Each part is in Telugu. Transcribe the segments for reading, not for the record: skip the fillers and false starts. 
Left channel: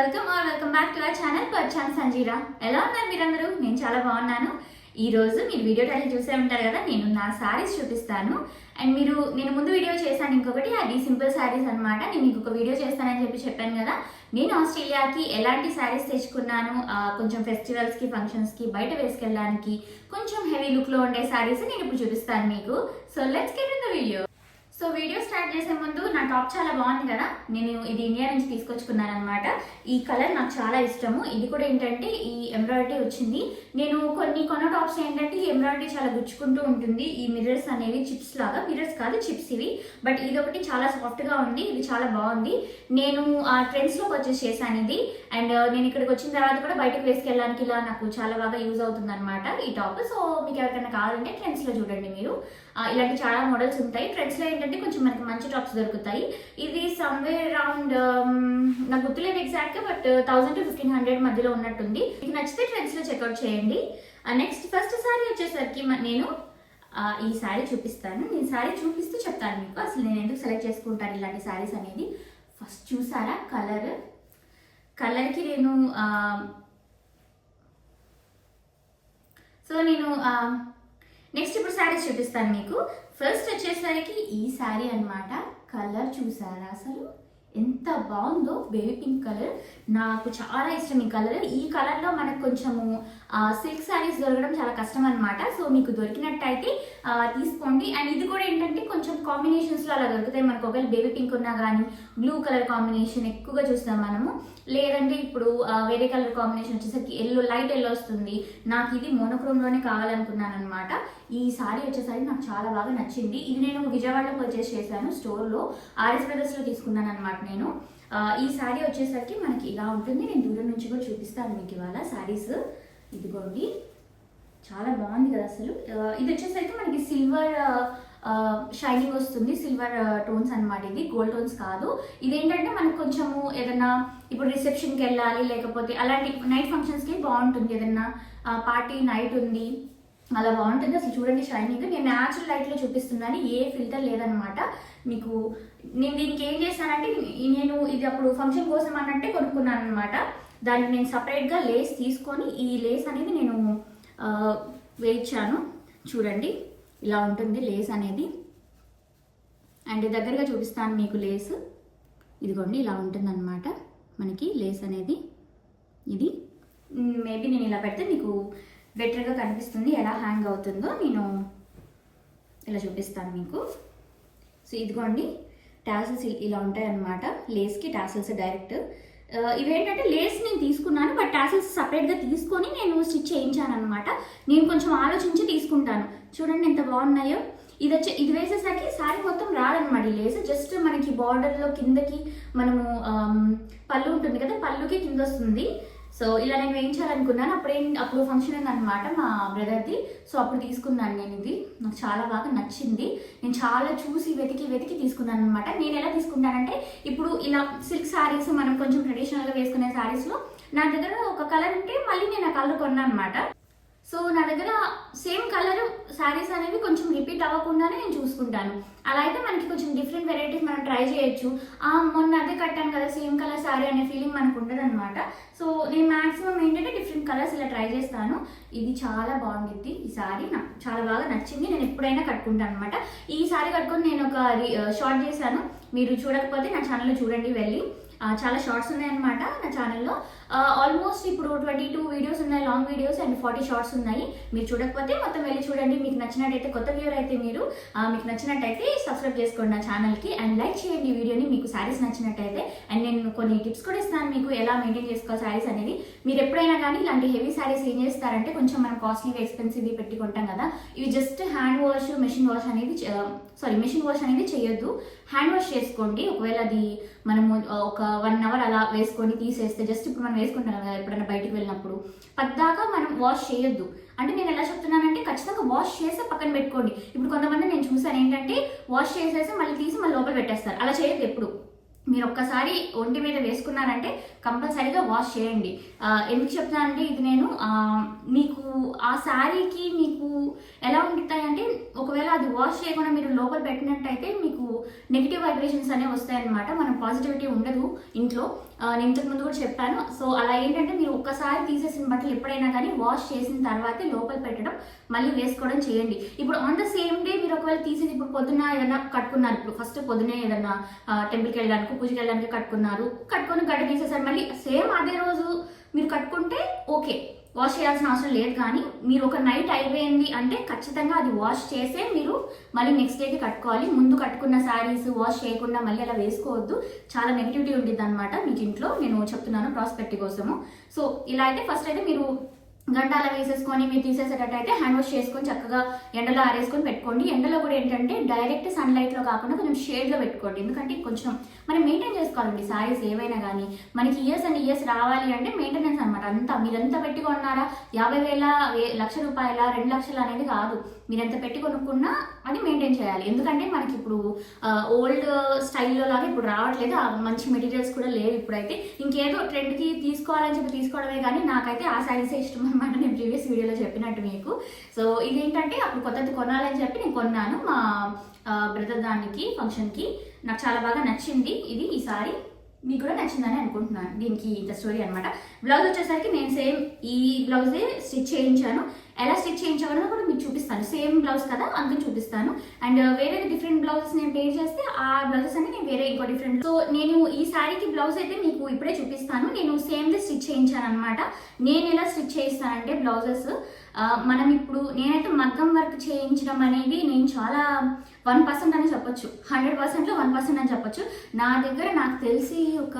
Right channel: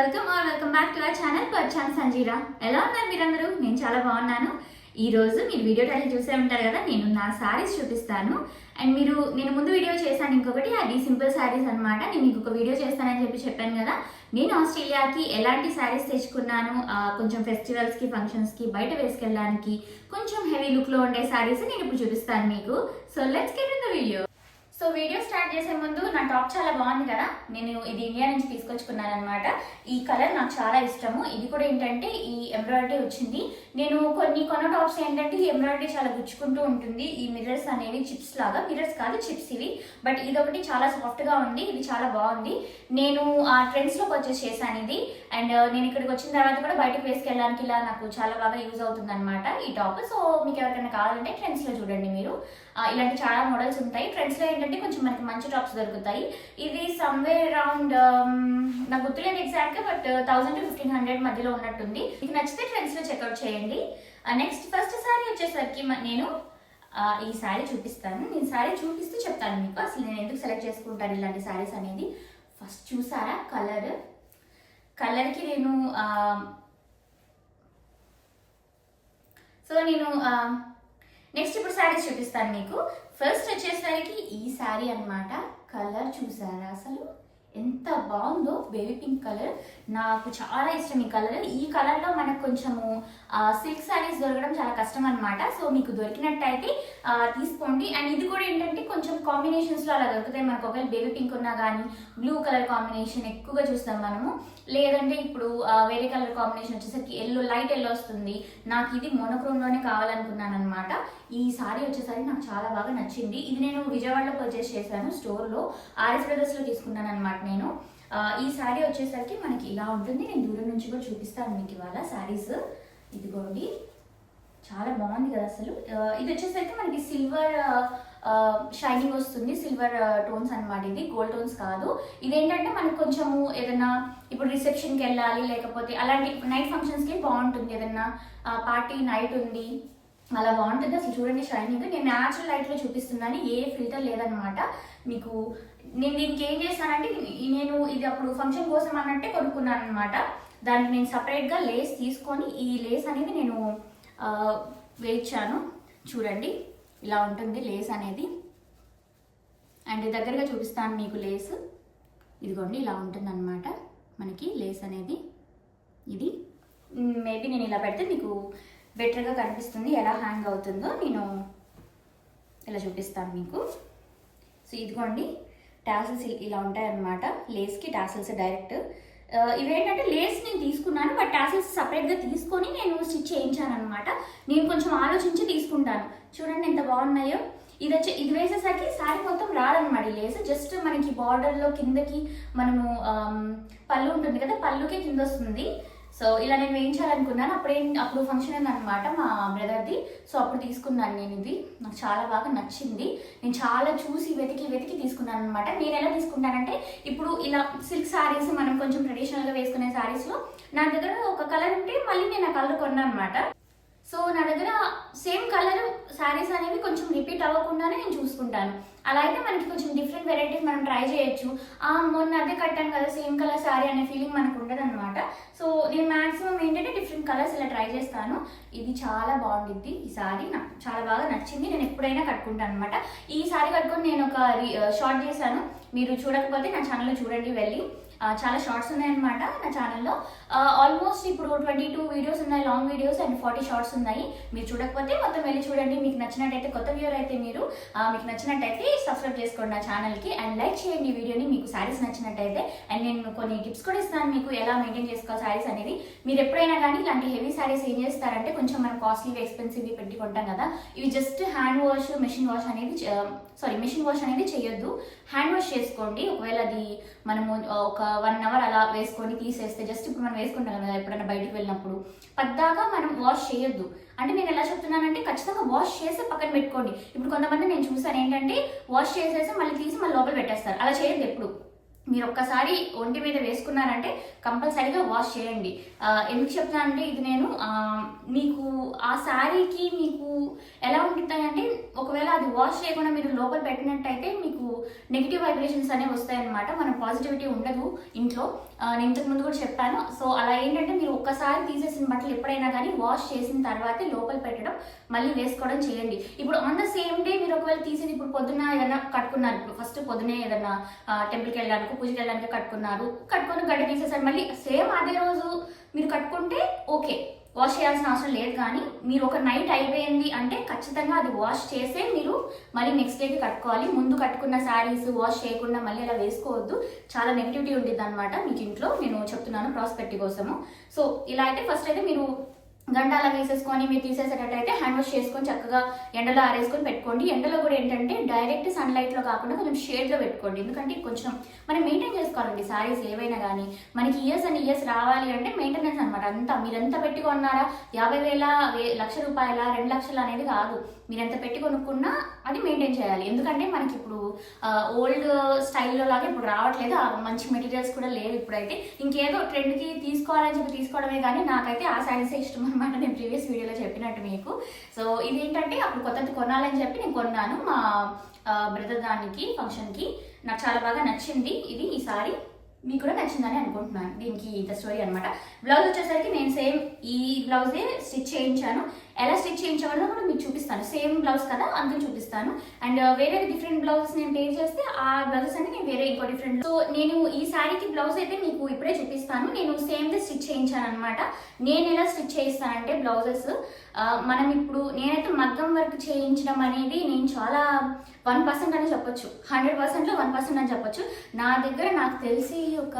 Welcome back to our channel పర్చాన్ సంజీరా. ఎలా ఉన్నారు మీరందరూ? నేను చాలా బాగున్నాను. ఈ రోజు మీరు వీడియో టైటిల్ చూసే ఉంటారు కదా, నేను నా శారీస్ చూపిస్తాను. అండ్ నేను ముందు వీడియో చేశాను ఇంకొకటి, అది సింపుల్ శారీస్ అనమాట. నేను ఇంకొక వీడియో చేస్తానని చెప్పాను కదా. నేను ఆస్ట్రేలియాకి ఎలాంటి శారీస్ తెచ్చుకున్నాను, కొంచెం ఫెస్టివల్స్కి ఫంక్షన్స్కి బయట వేసుకెళ్ళడానికి కొంచెం హెవీ లుక్లో ఉండే శారీస్ నేను ఇప్పుడు చూపిస్తాను మీకు. So let's get in the video. So video start చేసే ముందు నా టాప్ చాలా బాగుంది కదా, నేను ఇది ఇండియా నుంచి తీసుకొచ్చుకున్నాను అనమాట. ఈ కలర్ నాకు చాలా ఇష్టము. ఇది కూడా ఏంటంటే ఈ ఎంబ్రాయిడరీ వచ్చింది. నేను కొన్న టాప్స్ ఏంటంటే ఈ ఎంబ్రాయిడరీ చాలా గుచ్చుకుంటూ ఉంటుంది. ఈ మిర్రర్స్ అనేవి చిప్స్ లాగా, మిర్రర్స్ కాదు చిప్స్ ఇవి, బట్ ఇదొకటి చాలా సాఫ్ట్గా ఉంది. ఇది చాలా బాగుంది. నేను ఆ ట్రెండ్స్లో పర్చేస్ చేశాను ఇది. అండ్ నేను ఇక్కడికి వచ్చిన తర్వాత కూడా బయటకు వేసుకెళ్ళడానికి ఇలా నాకు చాలా బాగా యూజ్ అవుతుంది అనమాట ఈ టాప్. సో మీకు ఎవరికైనా కావాలంటే ట్రెండ్స్లో చూడండి మీరు. ఇలాంటి చాలా మోడల్స్ ఉంటాయి. ట్రెండ్స్లో ఏంటంటే కొంచెం మనకి మంచి టాప్స్ దొరుకుతాయి. ఇది సమ్వేర్ అరౌండ్ నాకు గుర్తులేదు ఎగ్జాక్ట్గా, బట్ 1000 to 1500 మధ్యలో ఉన్నట్టుంది. మీకు నచ్చితే ట్రెండ్స్లో చెక్అవుట్ చేయండి. నెక్స్ట్ ఫస్ట్ శారీ వచ్చేసరికి నేను ఈ శారీ చూపిస్తాను. నేను శారీ చూపిస్తూ చెప్తాను మీకు అసలు నేను ఎందుకు సెలెక్ట్ చేసుకుంటాను ఇలాంటి శారీస్ అనేది. ఫస్ట్ చూసారా కలర్కి నేను నెక్స్ట్ ఇప్పుడు శారీస్ చూపిస్తాను మీకు. ఫస్ట్ వచ్చేసరికి ఈ శారీ అన్నమాట. కలర్ చూసారా అసలు ఎంత బాగుందో, బేబీ పింక్ కలర్. నాకు చాలా ఇష్టం ఈ కలర్. ఈ కలర్లో మనకు కొంచెము సిల్క్ శారీస్ దొరకడం చాలా కష్టం అనమాట. సో మీకు దొరికినట్టయితే తీసుకోండి. అండ్ ఇది కూడా ఏంటంటే కొంచెం కాంబినేషన్స్లో అలా దొరుకుతాయి మనకు. ఒకవేళ బేబీ పింక్ ఉన్నా కానీ బ్లూ కలర్ కాంబినేషన్ ఎక్కువగా చూస్తాం మనము. లేదంటే ఇప్పుడు వేరే కలర్ కాంబినేషన్ వచ్చేసరికి లైట్ ఎల్లో వస్తుంది. నాకు ఇది మోనోక్రోమ్లోనే కావాలనుకున్నాను అనమాట. ఈ సారీ వచ్చేసరికి నాకు చాలా బాగా నచ్చింది. ఇది నేను విజయవాడలో పర్చేస్ చేశాను, స్టోర్లో ఆర్ఎస్ బ్రదర్స్లో తీసుకున్నాను అనమాట నేను. ఈ శారీ వచ్చేసరికి మనకి ఇలా ఉంటుంది. నేను దూరం నుంచి కూడా చూపిస్తాను మీకు ఇవాళ శారీస్. ఇదిగోండి, చాలా బాగుంది కదా అసలు. ఇది వచ్చేసరికి మనకి సిల్వర్ షైనింగ్ వస్తుంది, సిల్వర్ టోన్స్ అనమాట. ఇది గోల్డ్ టోన్స్ కాదు. ఇదేంటంటే మనకు కొంచెము ఏదైనా ఇప్పుడు రిసెప్షన్కి వెళ్ళాలి, లేకపోతే అలాంటి నైట్ ఫంక్షన్స్కి బాగుంటుంది. ఏదైనా పార్టీ నైట్ ఉంది, అలా బాగుంటుంది. అసలు చూడండి షైనింగ్. నేను న్యాచురల్ లైట్లో చూపిస్తున్నాను, ఏ ఫిల్టర్ లేదనమాట మీకు. నేను దీనికి ఏం చేశానంటే నేను ఇది అప్పుడు ఫంక్షన్ కోసం అన్నట్టే కొనుక్కున్నాను అనమాట. దానికి నేను సపరేట్గా లేస్ తీసుకొని ఈ లేస్ అనేది నేను వేయించాను. చూడండి ఇలా ఉంటుంది లేస్ అనేది. అండ్ దగ్గరగా చూపిస్తాను మీకు లేస్. ఇదిగోండి ఇలా ఉంటుంది అనమాట మనకి లేస్ అనేది. ఇది మేబీ నేను ఇలా పెడితే మీకు బెటర్గా కనిపిస్తుంది, ఎలా హ్యాంగ్ అవుతుందో నేను ఇలా చూపిస్తాను మీకు. సో ఇదిగోండి టాసిల్స్ ఇలా ఉంటాయన్నమాట. లేస్కి టాసిల్స్ డైరెక్ట్. ఇవేంటంటే లేస్ నేను తీసుకున్నాను, బట్ టాసిల్స్ సపరేట్గా తీసుకొని నేను స్టిచ్ చేయించాను అనమాట. నేను కొంచెం ఆలోచించి తీసుకుంటాను. చూడండి ఎంత బాగున్నాయో. ఇది వేసేసరికి శారీ మొత్తం రాదనమాట ఈ లేస్. జస్ట్ మనకి బార్డర్లో కిందకి మనము పళ్ళు ఉంటుంది కదా, పళ్ళుకి కింద వస్తుంది. సో ఇలా నేను వేయించాలనుకున్నాను. అప్పుడు ఫంక్షన్ అయిందనమాట మా బ్రదర్ది. సో అప్పుడు తీసుకున్నాను నేను ఇది. నాకు చాలా బాగా నచ్చింది. నేను చాలా చూసి వెతికి తీసుకున్నాను అనమాట. నేను ఎలా తీసుకుంటానంటే ఇప్పుడు ఇలా సిల్క్ శారీస్ మనం కొంచెం ట్రెడిషనల్గా వేసుకునే శారీస్లో నా దగ్గర ఒక కలర్ ఉంటే మళ్ళీ నేను ఆ కలర్ కొన్నాను అనమాట. సో నా దగ్గర సేమ్ కలర్ శారీస్ అనేవి కొంచెం రిపీట్ అవ్వకుండానే నేను చూసుకుంటాను. అలా అయితే మనకి కొంచెం డిఫరెంట్ వెరైటీస్ మనం ట్రై చేయొచ్చు. మొన్న అదే కట్టాను కదా సేమ్ కలర్ శారీ అనే ఫీలింగ్ మనకు ఉండదు అనమాట. సో నేను మ్యాక్సిమం ఏంటంటే డిఫరెంట్ కలర్స్ ఇలా ట్రై చేస్తాను. ఇది చాలా బాగుంటుంది. ఈ శారీ నాకు చాలా బాగా నచ్చింది. నేను ఎప్పుడైనా కట్టుకుంటాను అనమాట. ఈ శారీ కట్టుకొని నేను ఒక షార్ట్ చేశాను. మీరు చూడకపోతే నా ఛానల్లో చూడండి వెళ్ళి. చాలా షార్ట్స్ ఉన్నాయన్నమాట నా ఛానల్లో. ఆల్మోస్ట్ ఇప్పుడు 22 వీడియోస్ ఉన్నాయి, లాంగ్ వీడియోస్, అండ్ 40 షార్ట్స్ ఉన్నాయి. మీరు చూడకపోతే మొత్తం వెళ్ళి చూడండి. మీకు నచ్చినట్టయితే, కొత్త వ్యూయర్ అయితే మీరు మీకు నచ్చినట్టయితే సబ్స్క్రైబ్ చేసుకోండి నా ఛానల్కి. అండ్ లైక్ చేయండి ఈ వీడియోని మీకు శారీస్ నచ్చినట్టయితే. అండ్ నేను కొన్ని టిప్స్ కూడా ఇస్తాను మీకు ఎలా మెయింటైన్ చేసుకోవాలి శారీస్ అనేది. మీరు ఎప్పుడైనా కానీ ఇలాంటి హెవీ శారీస్ ఏం చేస్తారంటే కొంచెం మనం కాస్ట్లీగా ఎక్స్పెన్సివ్గా పెట్టి కొంటాం కదా. ఇవి just hand wash, machine wash అనేది చేయొద్దు. హ్యాండ్ వాష్ చేసుకోండి. ఒకవేళ అది మనము ఒక 1 hour అలా వేసుకొని తీసేస్తే, జస్ట్ ఇప్పుడు మనం వేసుకుంటాం కదా ఎప్పుడైనా బయటకు వెళ్ళినప్పుడు, పద్దాకా మనం వాష్ చేయొద్దు. అంటే నేను ఎలా చెప్తున్నానంటే ఖచ్చితంగా వాష్ చేసి పక్కన పెట్టుకోండి. ఇప్పుడు కొంతమంది నేను చూసాను ఏంటంటే వాష్ చేసేసి మళ్ళీ తీసి మళ్ళీ లోపల పెట్టేస్తారు. అలా చేయొద్దు ఎప్పుడు. మీరు ఒక్కసారి ఒంటి మీద వేసుకున్నారంటే కంపల్సరీగా వాష్ చేయండి. ఎందుకు చెప్తున్నా అంటే ఇది నేను మీకు ఆ శారీకి మీకు ఎలా ఉంటాయంటే ఒకవేళ అది వాష్ చేయకుండా మీరు లోపల పెట్టినట్టయితే మీకు నెగిటివ్ వైబ్రేషన్స్ అనేవి వస్తాయన్నమాట. మనం పాజిటివిటీ ఉండదు ఇంట్లో. నేను ఇంతకు ముందు కూడా చెప్పాను. సో అలా ఏంటంటే మీరు ఒక్కసారి తీసేసిన బట్టలు ఎప్పుడైనా కానీ వాష్ చేసిన తర్వాతే లోపల పెట్టడం మళ్ళీ వేసుకోవడం చేయండి. ఇప్పుడు ఆన్ ద సేమ్ డే మీరు ఒకవేళ తీసేది ఇప్పుడు పొద్దున్న ఏదైనా కట్టుకున్నారు, ఇప్పుడు ఫస్ట్ పొద్దునే ఏదైనా టెంపుల్కి వెళ్ళడానికి పూజకి వెళ్ళడానికి కట్టుకొని గడ్డ తీసేసారు, మళ్ళీ సేమ్ అదే రోజు మీరు కట్టుకుంటే ఓకే, వాష్ చేయాల్సిన అవసరం లేదు. కానీ మీరు ఒక నైట్ అయిపోయింది అంటే ఖచ్చితంగా అది వాష్ చేసే మీరు మళ్ళీ నెక్స్ట్ డేకి కట్టుకోవాలి. ముందు కట్టుకున్న శారీస్ వాష్ చేయకుండా మళ్ళీ అలా వేసుకోవద్దు, చాలా నెగిటివిటీ ఉంటుంది అనమాట మీకు ఇంట్లో. నేను చెప్తున్నాను ప్రాస్పెక్టివ్ కోసము. సో ఇలా అయితే ఫస్ట్ అయితే మీరు గంట అలా వేసేసుకొని మీరు తీసేసేటట్టయితే హ్యాండ్ వాష్ చేసుకొని చక్కగా ఎండలో ఆరేసుకొని పెట్టుకోండి. ఎండలో కూడా ఏంటంటే డైరెక్ట్ సన్లైట్లో కాకుండా కొంచెం షేడ్లో పెట్టుకోండి. ఎందుకంటే కొంచెం మనం మెయింటైన్ చేసుకోవాలండి శారీస్ ఏవైనా కానీ. మనకి ఇయర్స్ అండ్ ఇయర్స్ రావాలి అంటే మెయింటెనెన్స్ అనమాట. అంతా మీరు ఎంత పెట్టి కొన్నారా, 50,000 లక్ష రూపాయల 2 లక్షలు అనేది కాదు. మీరు ఎంత పెట్టి కొనుక్కున్నా అది మెయింటైన్ చేయాలి. ఎందుకంటే మనకి ఇప్పుడు ఓల్డ్ స్టైల్లో లాగా ఇప్పుడు రావట్లేదు, మంచి మెటీరియల్స్ కూడా లేవు ఇప్పుడైతే. ఇంకేదో ట్రెండ్కి తీసుకోవాలని చెప్పి తీసుకోవడమే కానీ నాకైతే ఆ శారీసే ఇష్టం అనమాట. నేను ప్రీవియస్ వీడియోలో చెప్పినట్టు మీకు. సో ఇదేంటంటే అప్పుడు కొత్తది కొనాలని చెప్పి నేను కొన్నాను మా బ్రదర్ దానికి ఫంక్షన్కి. నాకు చాలా బాగా నచ్చింది ఇది. ఈ సారీ మీకు కూడా నచ్చిందని అనుకుంటున్నాను. దీనికి ఇంత స్టోరీ అనమాట. బ్లౌజ్ వచ్చేసరికి నేను సేమ్ ఈ బ్లౌజే స్టిచ్ చేయించాను. ఎలా స్టిచ్ చేయించామో కూడా మీకు చూపిస్తాను. సేమ్ బ్లౌజ్ కదా అందుకని చూపిస్తాను. అండ్ వేరే డిఫరెంట్ బ్లౌజెస్ నేను పే చేస్తే ఆ బ్లౌజెస్ అంటే నేను వేరే ఇంకో డిఫరెంట్. సో నేను ఈ శారీకి బ్లౌజ్ అయితే మీకు ఇప్పుడే చూపిస్తాను. నేను సేమ్ ది స్టిచ్ చేయించాను అనమాట. నేను ఎలా స్టిచ్ చేయిస్తానంటే బ్లౌజెస్ మనం ఇప్పుడు నేనైతే మగ్గం వర్క్ చేయించడం అనేది నేను చాలా 1% అని చెప్పొచ్చు. 100%లో 1% అని చెప్పొచ్చు. నా దగ్గర నాకు తెలిసి ఒక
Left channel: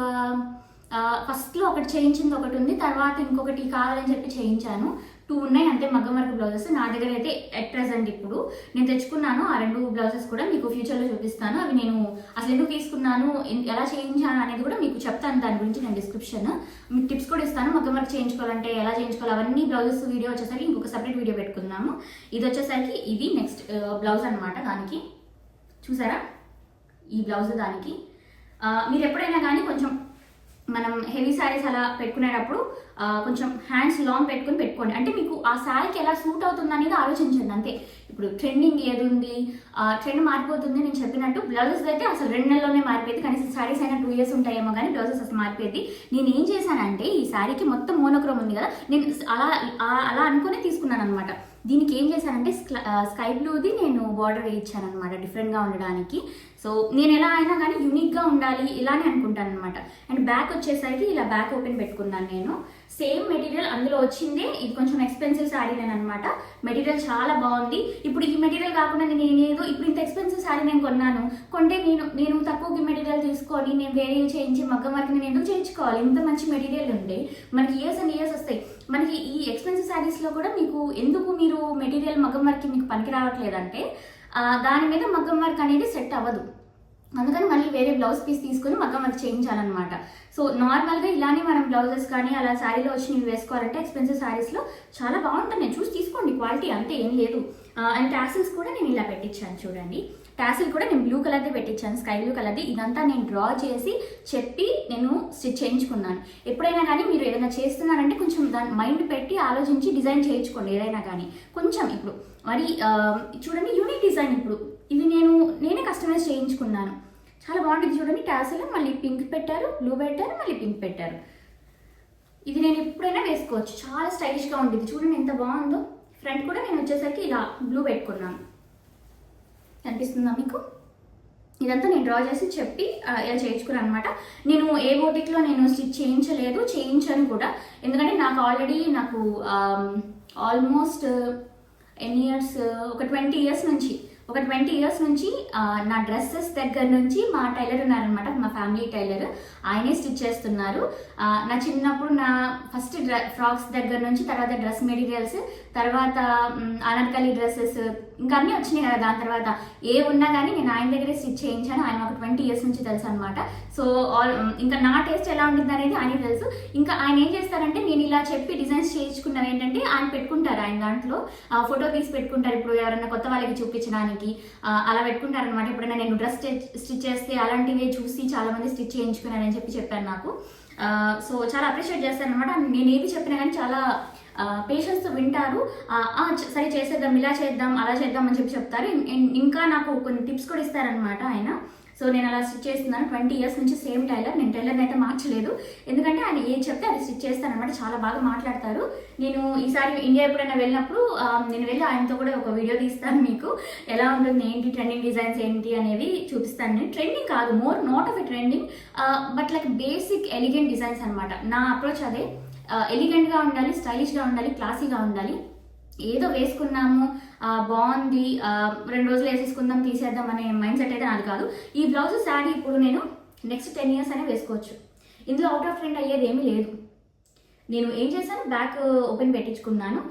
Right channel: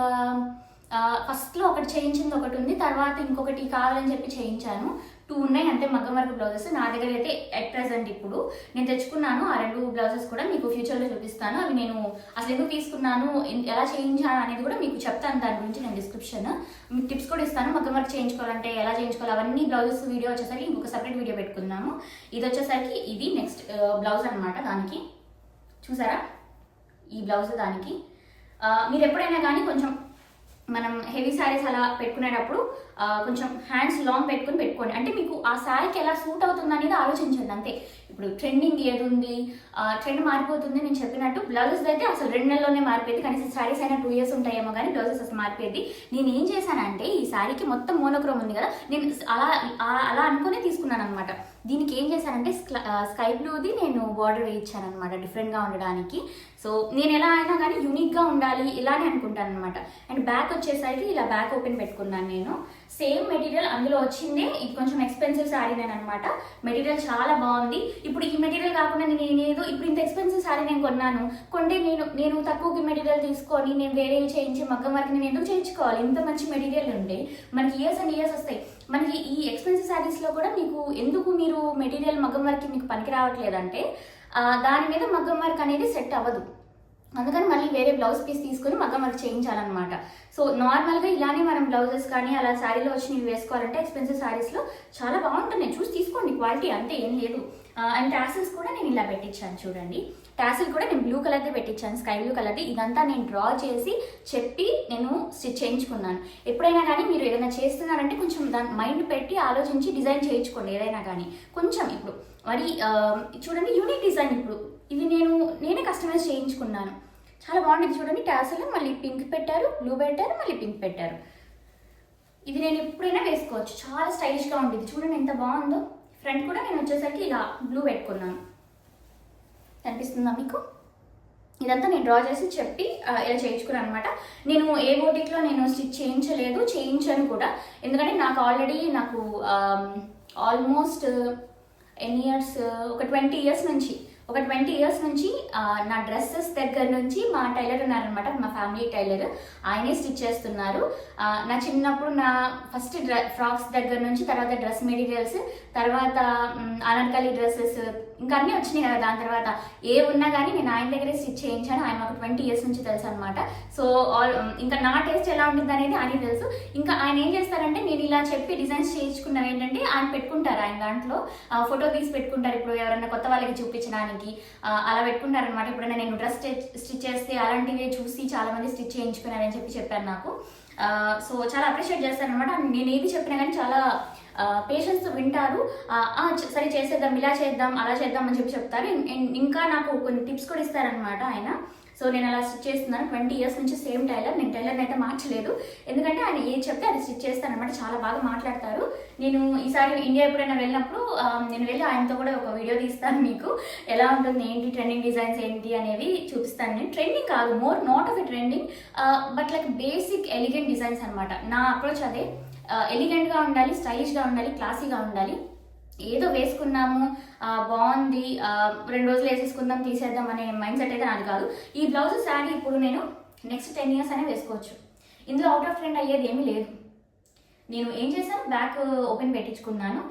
ఫస్ట్లో ఒకటి చేయించింది ఒకటి ఉంది, తర్వాత ఇంకొకటి కావాలని చెప్పి చేయించాను. 2 ఉన్నాయి అంతే మగ్గం వర్క్ బ్లౌజెస్ నా దగ్గర అయితే ఎట్ ప్రెజెంట్. ఇప్పుడు నేను తెచ్చుకున్నాను ఆ 2 బ్లౌజెస్ కూడా మీకు ఫ్యూచర్లో చూపిస్తాను. అవి నేను అసలు ఎందుకు తీసుకున్నాను, ఎలా చేయించాను అనేది కూడా మీకు చెప్తాను. దాని గురించి నేను డిస్క్రిప్షన్ మీకు టిప్స్ కూడా ఇస్తాను. మగ్గం వర్క్ చేయించుకోవాలంటే ఎలా చేయించుకోవాలి అవన్నీ బ్లౌజెస్ వీడియో వచ్చేసరికి ఇంకొక సపరేట్ వీడియో పెట్టుకుందాము. ఇది వచ్చేసరికి ఇది నెక్స్ట్ బ్లౌజ్ అనమాట. దానికి చూసారా ఈ బ్లౌజ్ దానికి మీరు ఎప్పుడైనా కానీ కొంచెం మనం హెవీ శారీస్ అలా పెట్టుకునేటప్పుడు కొంచెం హ్యాండ్స్ లాంగ్ పెట్టుకోండి. అంటే మీకు ఆ శారీకి ఎలా సూట్ అవుతుంది అనేది ఆలోచించండి అంతే. ఇప్పుడు ట్రెండింగ్ ఏది ఉంది, ట్రెండ్ మారిపోతుంది. నేను చెప్పినట్టు బ్లౌజెస్ అయితే అసలు 2 నెలల్లోనే మారిపోయింది. కనీసం శారీస్ అయినా 2 years ఉంటాయేమో కానీ బ్లౌజెస్ అసలు మారిపోయింది. నేను ఏం చేశానంటే ఈ శారీకి మొత్తం మోనోక్రోమ్ ఉంది కదా, నేను అలా అనుకునే తీసుకున్నాను అనమాట. దీనికి ఏం చేశానంటే స్కై బ్లూది నేను బార్డర్ వేయించాను అనమాట, డిఫరెంట్గా ఉండడానికి. సో నేను ఎలా అయినా కానీ యూనిక్గా ఉండాలి ఇలానే అనుకుంటాను అనమాట. అండ్ బ్యాక్ వచ్చేసరికి ఇలా బ్యాక్ ఓపెన్ పెట్టుకున్నాను నేను. సేమ్ మెటీరియల్ అందులో వచ్చిందే. ఇది కొంచెం ఎక్స్పెన్సివ్ శారీ నేను అనమాట. మెటీరియల్ చాలా బాగుంది. ఇప్పుడు ఈ మెటీరియల్ కాకుండా నేను ఏదో ఇప్పుడు ఇంత ఎక్స్పెన్సివ్ శారీ నేను కొన్నాను, కొంటే నేను తక్కువకి మెటీరియల్ తీసుకొని నేను వేరే చేయించి మగ్గం వర్క్ నేను ఎందుకు చేయించుకోవాలి? ఇంత మంచి మెటీరియల్ ఉంటే మనకి ఇయర్స్ అండ్ ఇయర్స్ వస్తాయి. మనకి ఈ ఎక్స్పెన్సివ్ శారీస్లో కూడా మీకు ఎందుకు మీరు మెటీరియల్ మగ్గం వర్క్ మీకు పనికి రావట్లేదంటే దాని మీద మగ్గం వర్క్ అనేది సెట్ అవ్వదు. అందుకని మళ్ళీ వేరే బ్లౌజ్ పీస్ తీసుకుని మగ్గం వర్క్ చేయించాలన్నమాట. సో నార్మల్గా ఇలానే మనం బ్లౌజెస్ కానీ అలా శారీలో వచ్చి నేను వేసుకోవాలంటే ఎక్స్పెన్సివ్ శారీస్లో చాలా బాగుంటుంది. నేను చూసి తీసుకోండి, క్వాలిటీ అంతే ఏం లేదు. అండ్ టాసిల్స్ కూడా నేను ఇలా పెట్టించాను చూడండి. టాసిల్ కూడా నేను బ్లూ కలర్ది పెట్టించాను, స్కై బ్లూ కలర్ది. ఇదంతా నేను డ్రా చేసి చెప్పి నేను స్టిచ్ చేయించుకున్నాను. ఎప్పుడైనా కానీ మీరు ఏదైనా చేస్తున్నారంటే కొంచెం దాని మైండ్ పెట్టి ఆలోచించి డిజైన్ చేయించుకోండి ఏదైనా కానీ. కొంచెం ఇప్పుడు మరి చూడండి యూనిక్ డిజైన్. ఇప్పుడు ఇవి నేనే కస్టమైజ్ చేయించుకున్నాను. చాలా బాగుంటుంది చూడండి. టాసిల్ మళ్ళీ పింక్ పెట్టారు, బ్లూ పెట్టారు, మళ్ళీ పింక్ పెట్టారు. ఇది నేను ఎప్పుడైనా వేసుకోవచ్చు, చాలా స్టైలిష్గా ఉంటుంది. చూడండి ఎంత బాగుందో. ఫ్రంట్ కూడా నేను వచ్చేసరికి ఇలా బ్లూ పెట్టుకున్నాను. కనిపిస్తుందా మీకు? ఇదంతా నేను డ్రా చేసి చెప్పి ఇలా చేయించుకున్నాను అనమాట. నేను ఏ బోటిక్లో నేను స్టిచ్ చేయించను కూడా. ఎందుకంటే నాకు ఆల్రెడీ ఆల్మోస్ట్ ఎన్ని ఇయర్స్, ఒక 20 years నుంచి నా డ్రెస్సెస్ దగ్గర నుంచి మా టైలర్ ఉన్నారనమాట, మా ఫ్యామిలీ టైలర్. ఆయనే స్టిచ్ చేస్తున్నారు. నా చిన్నప్పుడు నా ఫస్ట్ ఫ్రాక్స్ దగ్గర నుంచి, తర్వాత డ్రెస్ మెటీరియల్స్, తర్వాత అనార్కలి డ్రెస్సెస్ ఇంకా అన్నీ వచ్చినాయి కదా. దాని తర్వాత ఏ ఉన్నా కానీ నేను ఆయన దగ్గరే స్టిచ్ చేయించాను. ఆయన ఒక 20 years నుంచి తెలుసు అనమాట. సో ఇంకా నా టేస్ట్ ఎలా ఉంటుంది అనేది ఆయనకి తెలుసు. ఇంకా ఆయన ఏం చేస్తారంటే నేను ఇలా చెప్పి డిజైన్స్ చేయించుకున్నవి ఏంటంటే ఆయన పెట్టుకుంటారు, ఆయన దాంట్లో ఫోటో తీసి పెట్టుకుంటారు. ఇప్పుడు ఎవరైనా కొత్త వాళ్ళకి చూపించడానికి అలా పెట్టుకుంటారనమాట. ఎప్పుడైనా నేను డ్రెస్ స్టిచ్ చేస్తే అలాంటివి చూసి చాలా మంది స్టిచ్ చేయించుకున్నారని చెప్పి చెప్పాను నాకు. సో చాలా అప్రిషియేట్ చేస్తారనమాట. నేను ఏది చెప్పినా కానీ చాలా పేషెంట్స్ వింటారు. సరే చేసేద్దాం, ఇలా చేద్దాం, అలా చేద్దాం అని చెప్తారు. ఇంకా నాకు కొన్ని టిప్స్ కూడా ఇస్తారనమాట ఆయన. సో నేను అలా స్టిచ్ చేస్తున్నాను 20 years నుంచి సేమ్ టైలర్. నేను టైలర్ని అయితే మార్చలేదు, ఎందుకంటే ఆయన ఏది చెప్తే అది స్టిచ్ చేస్తాను అనమాట. చాలా బాగా మాట్లాడతారు. నేను ఈసారి ఇండియా ఎప్పుడైనా వెళ్ళినప్పుడు నేను వెళ్ళి ఆయనతో కూడా ఒక వీడియో తీస్తాను, మీకు ఎలా ఉంటుంది, ఏంటి ట్రెండింగ్ డిజైన్స్ ఏంటి అనేవి చూపిస్తాను. నేను ట్రెండింగ్ కాదు, more not of a trending, but like basic elegant designs అనమాట. నా అప్రోచ్ అదే. ఎలిగెంట్గా ఉండాలి, స్టైలిష్గా ఉండాలి, క్లాసీగా ఉండాలి. ఏదో వేసుకున్నాము బాగుంది 2 రోజులు వేసేసుకుందాం తీసేద్దాం అనే మైండ్ సెట్ అయితే నాది కాదు. ఈ బ్లౌజ్ శారీ ఇప్పుడు నేను నెక్స్ట్ 10 years అనే వేసుకోవచ్చు. ఇందులో అవుట్ ఆఫ్ ట్రెండ్ అయ్యేది ఏమీ లేదు. నేను ఏం చేశాను, బ్యాక్ ఓపెన్ పెట్టించుకున్నాను,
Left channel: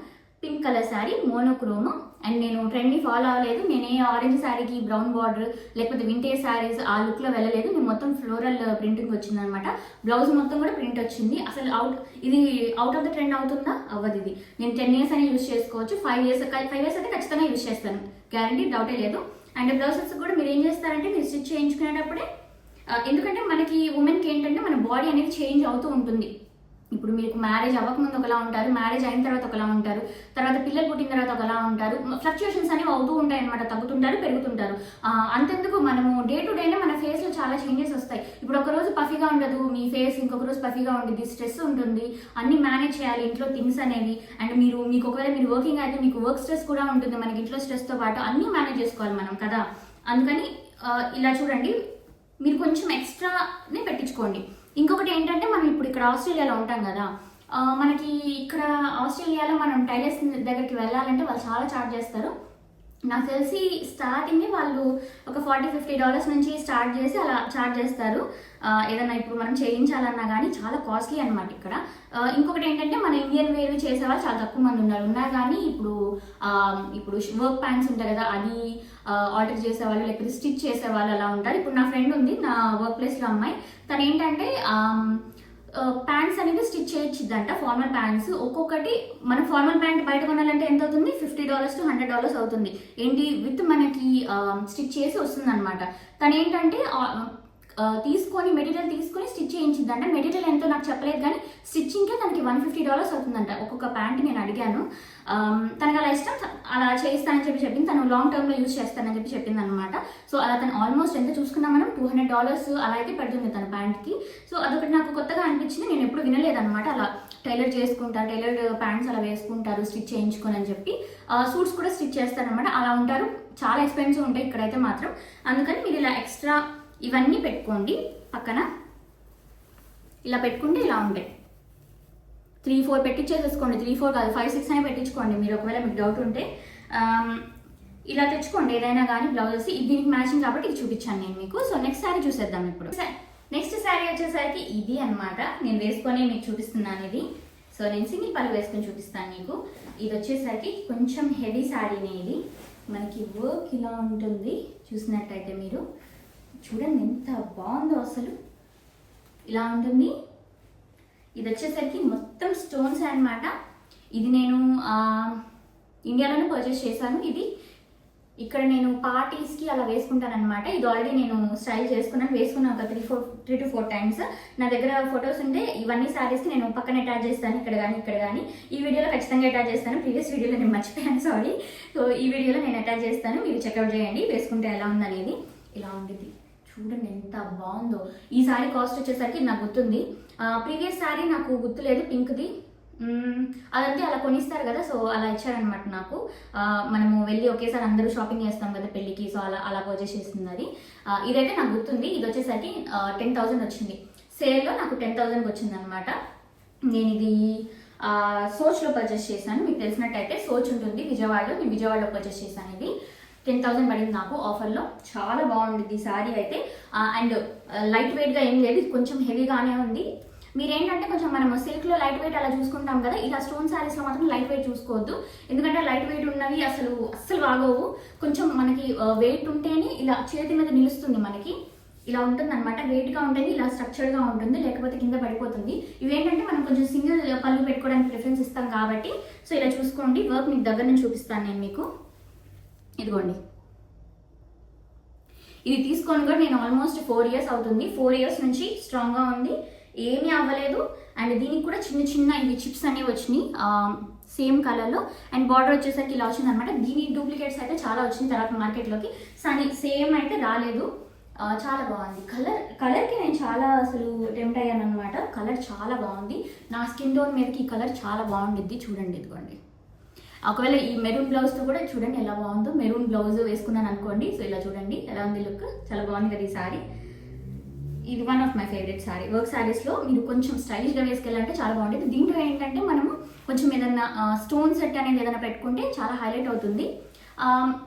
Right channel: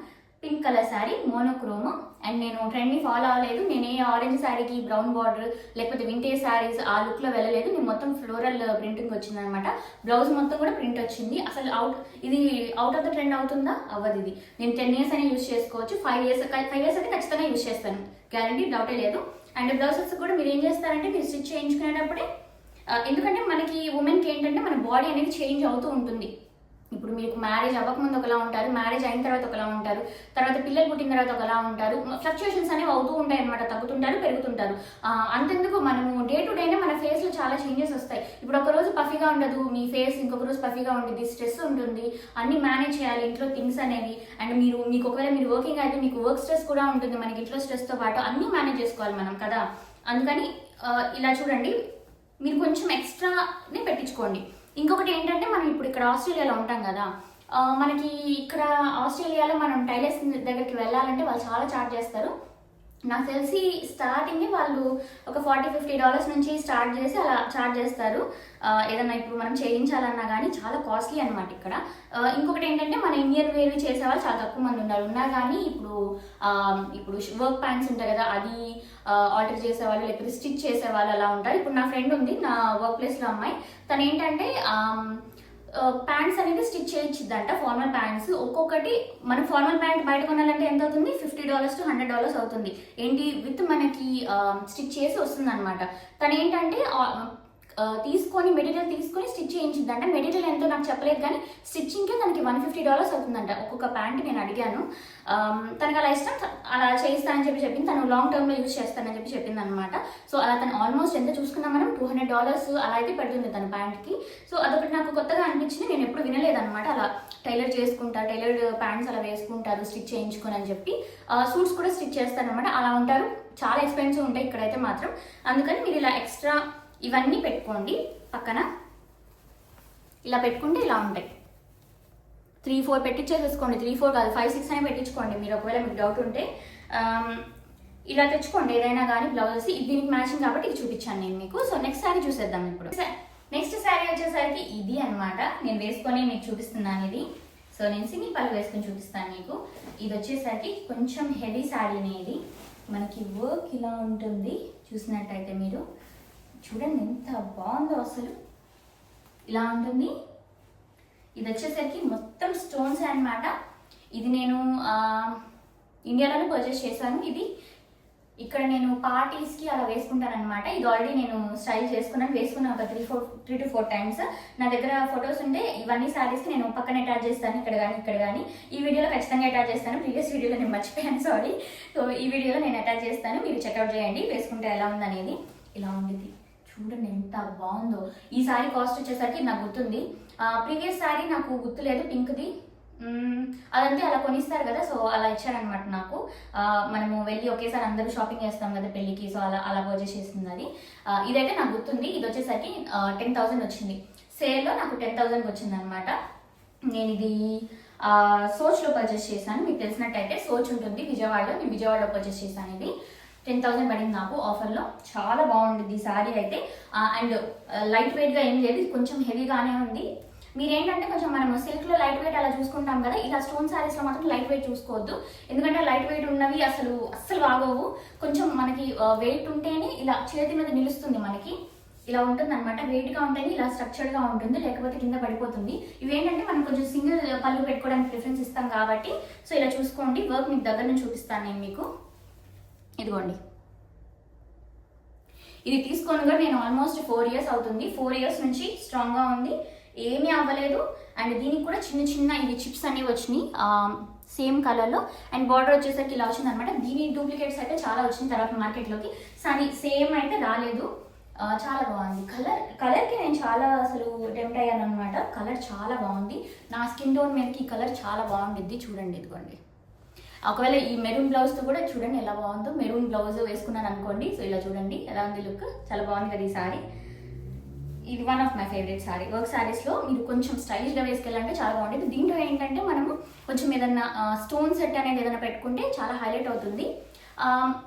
pink colour sari monochrome. And నేను ట్రెండ్ని ఫాలో అవ్వలేదు. నేను ఏ ఆరెంజ్ శారీకి బ్రౌన్ బార్డర్ లేకపోతే వింటేజ్ శారీస్ ఆ లుక్లో వెళ్ళలేదు. నేను మొత్తం ఫ్లోరల్ ప్రింటింగ్ వచ్చింది అనమాట. బ్లౌజ్ మొత్తం కూడా ప్రింట్ వచ్చింది. అసలు ఇది అవుట్ ఆఫ్ ద ట్రెండ్ అవుతుందా? అవ్వదు. ఇది నేను 10 years అని యూజ్ చేసుకోవచ్చు. 5 years అయితే ఖచ్చితంగా యూజ్ చేస్తాను, గ్యారంటీ, డౌటే లేదు. అండ్ బ్లౌజెస్ కూడా మీరు ఏం చేస్తారంటే మీరు స్టిచ్ చేయించుకునేటప్పుడే, ఎందుకంటే మనకి ఉమెన్కి ఏంటంటే మన బాడీ అనేది చేంజ్ అవుతూ ఉంటుంది. ఇప్పుడు మీకు మ్యారేజ్ అవ్వకముందు ఒకలా ఉంటారు, మ్యారేజ్ అయిన తర్వాత ఒకలా ఉంటారు, తర్వాత పిల్లలు పుట్టిన తర్వాత ఒకలా ఉంటారు. ఫ్లక్చుయేషన్స్ అనేవి అవుతూ ఉంటాయి అనమాట. తగ్గుతుంటారు, పెరుగుతుంటారు. అంతెందుకు మనము డే టు డేనే మన ఫేస్లో చాలా చేంజెస్ వస్తాయి. ఇప్పుడు ఒక రోజు పఫీగా ఉండదు మీ ఫేస్, ఇంకొక రోజు పఫీగా ఉంటుంది, స్ట్రెస్ ఉంటుంది, అన్ని మేనేజ్ చేయాలి ఇంట్లో థింగ్స్ అనేవి. అండ్ మీకు ఒకవేళ మీరు వర్కింగ్ అయితే మీకు వర్క్ స్ట్రెస్ కూడా ఉంటుంది, మనకి ఇంట్లో స్ట్రెస్తో పాటు అన్నీ మేనేజ్ చేసుకోవాలి మనం కదా. అందుకని ఇలా చూడండి, మీరు కొంచెం ఎక్స్ట్రానే పెట్టించుకోండి. ఇంకొకటి ఏంటంటే మనం ఇప్పుడు ఇక్కడ ఆస్ట్రేలియాలో ఉంటాం కదా, మనకి ఇక్కడ ఆస్ట్రేలియాలో మనం టైలర్స్ దగ్గరికి వెళ్ళాలంటే వాళ్ళు చాలా ఛార్జ్ చేస్తారు. నాకు తెలిసి స్టార్టింగ్ వాళ్ళు ఒక $40-50 నుంచి స్టార్ట్ చేసి అలా ఛార్జ్ చేస్తారు. ఏదన్నా ఇప్పుడు మనం చేయించాలన్నా కానీ చాలా కాస్ట్లీ అనమాట ఇక్కడ. ఇంకొకటి ఏంటంటే మన ఇండియన్ వేర్వి చేసేవాళ్ళు చాలా తక్కువ మంది ఉన్నా కానీ ఇప్పుడు వర్క్ ప్యాంట్స్ ఉంటాయి కదా, అది ఆర్డర్ చేసేవాళ్ళు లేకపోతే స్టిచ్ చేసేవాళ్ళు అలా ఉంటారు. ఇప్పుడు నా ఫ్రెండ్ ఉంది నా వర్క్ ప్లేస్లో అమ్మాయి, తను ఏంటంటే ప్యాంట్స్ అనేది స్టిచ్ చేయించిద్దంట, ఫార్మల్ ప్యాంట్స్. ఒక్కొక్కటి మన ఫార్మల్ ప్యాంట్ బయట కొనాలంటే ఎంత అవుతుంది, $50 to $100 అవుతుంది. ఏంటి విత్ మనకి స్టిచ్ చేసి వస్తుంది అనమాట. తను ఏంటంటే మెటీరియల్ తీసుకొని స్టిచ్ చేయించిందంట. మెటీరియల్ ఎంతో నాకు చెప్పలేదు కానీ స్టిచ్చింగ్కే తనకి $150 అవుతుందంట ఒక్కొక్క ప్యాంట్. నేను అడిగాను, తనకు అలా ఇష్టం, అలా చేయిస్తానని చెప్పింది. తను లాంగ్ టర్మ్లో యూజ్ చేస్తానని చెప్పింది అనమాట. సో అలా తను ఆల్మోస్ట్ ఎంత చూసుకున్నాం మనం $200 అలా అయితే పెడుతుంది తన ప్యాంట్కి. సో అదొకటి నాకు కొత్తగా అనిపించింది, నేను ఎప్పుడు వినలేదన్నమాట. అలా టైలర్డ్ ప్యాంట్స్ అలా వేసుకుంటారు స్టిచ్ చేయించుకొని అని చెప్పి. సూట్స్ కూడా స్టిచ్ చేస్తారనమాట. అలా ఉంటారు, చాలా ఎక్స్పెన్సివ్ ఉంటాయి ఇక్కడైతే మాత్రం. అందుకని మీరు ఇలా ఎక్స్ట్రా ఇవన్నీ పెట్టుకోండి పక్కన. ఇలా పెట్టుకుంటే ఇలా ఉంటాయి. 3-4 పెట్టించేసేసుకోండి. 3-4 కాదు, 5-6 అనే పెట్టించుకోండి మీరు, ఒకవేళ మీకు డౌట్ ఉంటే. ఇలా తెచ్చుకోండి ఏదైనా కానీ బ్లౌజెస్. దీనికి మ్యాచింగ్ కాబట్టి ఇది చూపించాను నేను మీకు. సో నెక్స్ట్ శారీ చూసేద్దాం ఇప్పుడు. నెక్స్ట్ శారీ వచ్చేసరికి ఇది అనమాట. నేను వేసుకొని మీకు చూపిస్తున్నాను ఇది. సో నేను సింగిల్ పళ్ళు వేసుకొని చూపిస్తాను మీకు. ఇది వచ్చేసరికి కొంచెం హెవీ శారీనే. ఇది మనకి వర్క్ ఇలా ఉంటుంది, చూసినట్టయితే మీరు చూడండి ఎంత బాగుందో అసలు. ఇలా ఉంటుంది. ఇది వచ్చేసరికి మొత్తం స్టోన్స్ అన్నమాట. ఇది నేను ఇండియాలోనే పర్చేస్ చేశాను. ఇది ఇక్కడ నేను పార్టీస్కి అలా వేసుకుంటాను అనమాట. ఇది ఆల్రెడీ నేను స్టైల్ వేసుకున్నాను ఒక 3 to 4 times. నా దగ్గర ఫొటోస్ ఉంటే ఇవన్నీ శారీస్కి నేను పక్కన అటాచ్ చేస్తాను, ఇక్కడ కానీ. ఈ వీడియోలో ఖచ్చితంగా అటాచ్ చేస్తాను. ప్రీవియస్ వీడియోలో నేను మర్చిపోయాను, సారీ. సో ఈ వీడియోలో నేను అటాచ్ చేస్తాను, మీరు చెక్అవుట్ చేయండి వేసుకుంటే ఎలా ఉందనేది. ఇలా ఉండేది చూడండి ఎంత బాగుందో. ఈ శారీ కాస్ట్ వచ్చేసరికి నాకు గుర్తుంది, ప్రీవియస్ శారీ నాకు గుర్తులేదు, పింక్ది. అదంటే అలా కొనిస్తారు కదా, సో అలా ఇచ్చారనమాట నాకు. మనము వెళ్ళి ఒకేసారి అందరూ షాపింగ్ చేస్తాం కదా పెళ్ళికి, సో అలా పర్చేస్ చేస్తుంది అది. ఇదైతే నాకు గుర్తుంది. ఇది వచ్చేసరికి 10,000 వచ్చింది. సేల్లో నాకు 10,000కి వచ్చింది అనమాట. నేను ఇది సోచ్లో పర్చేస్ చేశాను. మీకు తెలిసినట్టయితే సోచ్ ఉంటుంది విజయవాడలో, నేను విజయవాడలో పర్చేస్ చేశాను. ఇది 10,000 పడింది నాకు ఆఫర్లో. చాలా బాగుంది ఈ శారీ అయితే. అండ్ లైట్ వెయిట్గా ఏం లేదు, ఇది కొంచెం హెవీగానే ఉంది. మీరేంటంటే కొంచెం మనము సిల్క్లో లైట్ వెయిట్ అలా చూసుకుంటాం కదా, ఇలా స్టోన్ శారీస్లో మాత్రం లైట్ వెయిట్ చూసుకోవద్దు. ఎందుకంటే లైట్ వెయిట్ ఉన్నవి అస్సలు బాగోవు. కొంచెం మనకి వెయిట్ ఉంటేనే ఇలా చేతి మీద నిలుస్తుంది మనకి. ఇలా ఉంటుంది అనమాట, వెయిట్గా ఉంటేనే ఇలా స్ట్రక్చర్డ్గా ఉంటుంది, లేకపోతే కింద పడిపోతుంది. ఇవేంటంటే మనం కొంచెం సింగిల్ పళ్ళు పెట్టుకోవడానికి ప్రిఫరెన్స్ ఇస్తాం కాబట్టి సో ఇలా చూసుకోండి. వర్క్ మీకు దగ్గర నుంచి చూపిస్తాను నేను మీకు. ఇదిగోండి, ఇది తీసుకొని కూడా నేను ఆల్మోస్ట్ 4 years అవుతుంది. 4 years నుంచి స్ట్రాంగ్గా ఉంది. ఏమీ అవ్వలేదు. అండ్ దీనికి కూడా చిన్న చిన్న ఇవి చిప్స్ అనేవి వచ్చినాయి సేమ్ కలర్లో. అండ్ బార్డర్ వచ్చేసరికి ఇలా వచ్చింది అనమాట. దీని డూప్లికేట్స్ అయితే చాలా వచ్చింది తర్వాత మార్కెట్లోకి, సేమ్ అయితే రాలేదు. చాలా బాగుంది కలర్కి నేను చాలా అసలు టెంప్ట్ అయ్యాను అనమాట. కలర్ చాలా బాగుంది. నా స్కిన్ టోన్ మీదకి ఈ కలర్ చాలా బాగుండిద్ది. చూడండి ఇదిగోండి. ఒకవేళ ఈ మెరూన్ బ్లౌజ్తో కూడా చూడండి ఎలా బాగుందో. మెరూన్ బ్లౌజ్ వేసుకున్నాను అనుకోండి, సో ఇలా చూడండి ఎలా ఉంది లుక్. చాలా బాగుంది కదా ఈ సారీ. ఇది one of my favourite sari. Work సారీస్లో మీరు కొంచెం స్టైలిష్గా వేసుకెళ్ళాలంటే చాలా బాగుంటుంది. దీంట్లో ఏంటంటే మనము కొంచెం ఏదన్నా స్టోన్ సెట్ అనేది ఏదైనా పెట్టుకుంటే చాలా హైలైట్ అవుతుంది.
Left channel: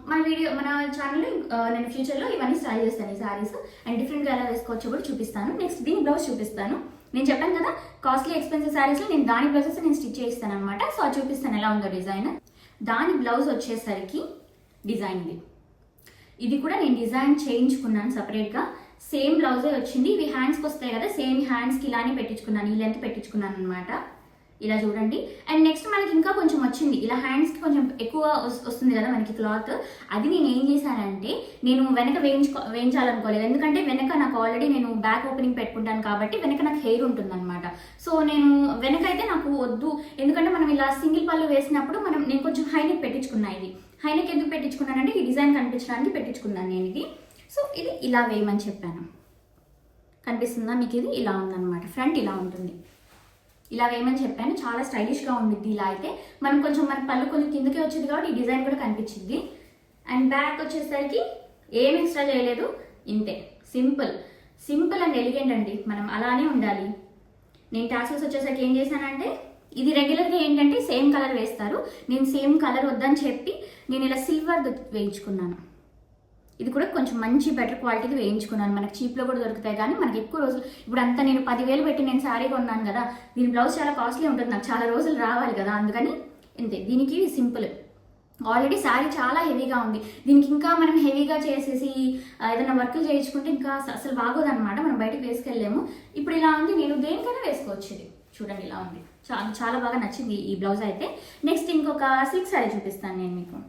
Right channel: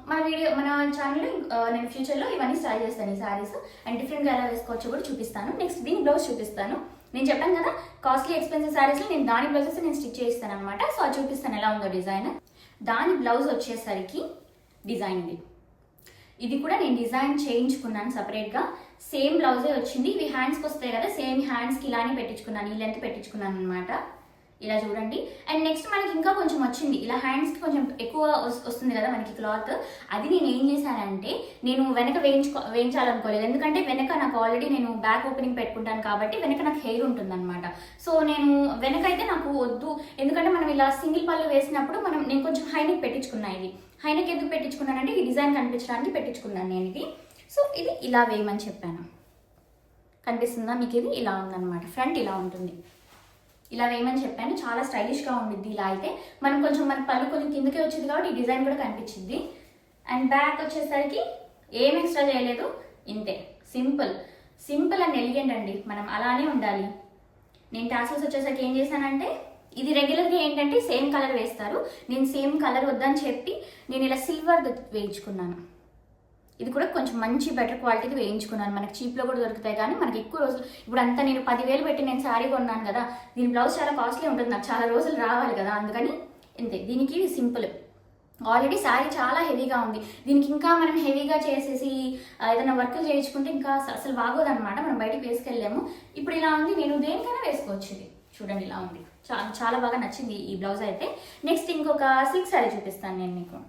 మన ఛానల్లో నేను ఫ్యూచర్లో ఇవన్నీ ట్రై చేస్తాను ఈ సారీస్. అండ్ డిఫరెంట్గా ఎలా వేసుకోవచ్చో కూడా చూపిస్తాను. నెక్స్ట్ దీని బ్లౌజ్ చూపిస్తాను. నేను చెప్పాను కదా కాస్ట్లీ ఎక్స్పెన్సివ్ సారీస్లో నేను దాని బ్లౌజెస్ నేను స్టిచ్ చేస్తాను అనమాట. సో అది చూపిస్తాను ఎలా ఉందో డిజైన్. దాని బ్లౌజ్ వచ్చేసరికి డిజైన్ ఇది కూడా నేను డిజైన్ చేయించుకున్నాను సపరేట్గా. సేమ్ బ్లౌజే వచ్చింది. ఇవి హ్యాండ్స్కి వస్తాయి కదా, సేమ్ హ్యాండ్స్కి ఇలానే పెట్టించుకున్నాను, ఈ లెంత్ పెట్టించుకున్నాను అనమాట. ఇలా చూడండి. అండ్ నెక్స్ట్ మనకి ఇంకా కొంచెం వచ్చింది, ఇలా హ్యాండ్స్కి కొంచెం ఎక్కువ వస్తుంది కదా మనకి క్లాత్. అది నేను ఏం చేశానంటే నేను వెనక వేయించాలనుకోలేదు. ఎందుకంటే వెనక నాకు ఆల్రెడీ నేను బ్యాక్ ఓపెనింగ్ పెట్టుకుంటాను కాబట్టి వెనక నాకు హెయిర్ ఉంటుంది అనమాట. సో నేను వెనక అయితే నాకు వద్దు, ఎందుకంటే మనం ఇలా సింగిల్ పళ్ళు వేసినప్పుడు నేను కొంచెం హైనెక్ పెట్టించుకున్నాను. ఇది హైనెక్ ఎందుకు పెట్టించుకున్నానంటే ఈ డిజైన్ కనిపించడానికి పెట్టించుకున్నాను నేను ఇది. సో ఇది ఇలా వేయమని చెప్పాను. కనిపిస్తుందా మీకు? ఇది ఇలా ఉందన్నమాట. ఫ్రంట్ ఇలా ఉంటుంది, ఇలా వేయమని చెప్పాను. చాలా స్టైలిష్గా ఉండిద్ది. ఇలా అయితే మనం కొంచెం మన పళ్ళు కొంచెం కిందకే వచ్చింది కాబట్టి ఈ డిజైన్ కూడా కనిపించింది. అండ్ బ్యాక్ వచ్చేసరికి ఏం ఎక్స్ట్రా చేయలేదు, ఇంతే. సింపుల్ అండ్ ఎలిగెంట్ అండి. మనం అలానే ఉండాలి. నేను టాసల్స్ వచ్చేసరికి ఏం చేశానంటే, ఇది రెగ్యులర్గా ఏంటంటే సేమ్ కలర్ వేస్తారు, నేను సేమ్ కలర్ వద్దని చెప్పి నేను ఇలా సిల్వర్ వేయించుకున్నాను. ఇది కూడా కొంచెం మంచి బెటర్ క్వాలిటీది వేయించుకున్నాను. మనకి చీప్లో కూడా దొరుకుతాయి, కానీ మనకి ఎక్కువ రోజులు ఇప్పుడు అంతా నేను 10,000 పెట్టి నేను శారీ కొన్నాను కదా, దీని బ్లౌజ్ చాలా కాస్ట్లీ ఉంటుంది, నాకు చాలా రోజులు రావాలి కదా, అందుకని ఇంతే. దీనికి సింపుల్. ఆల్రెడీ శారీ చాలా హెవీగా ఉంది, దీనికి ఇంకా మనం హెవీగా చేసేసి ఏదైనా వర్క్లు చేయించుకుంటే ఇంకా అసలు బాగోదన్నమాట, మనం బయటకు వేసుకెళ్ళాము. ఇప్పుడు ఇలా ఉంది, నేను దేనికైనా వేసుకోవచ్చు. ఇది చూడండి ఇలా ఉంది. చాలా బాగా నచ్చింది ఈ బ్లౌజ్ అయితే. నెక్స్ట్ ఇంకొక సిల్క్ శారీ చూపిస్తాను నేను మీకు.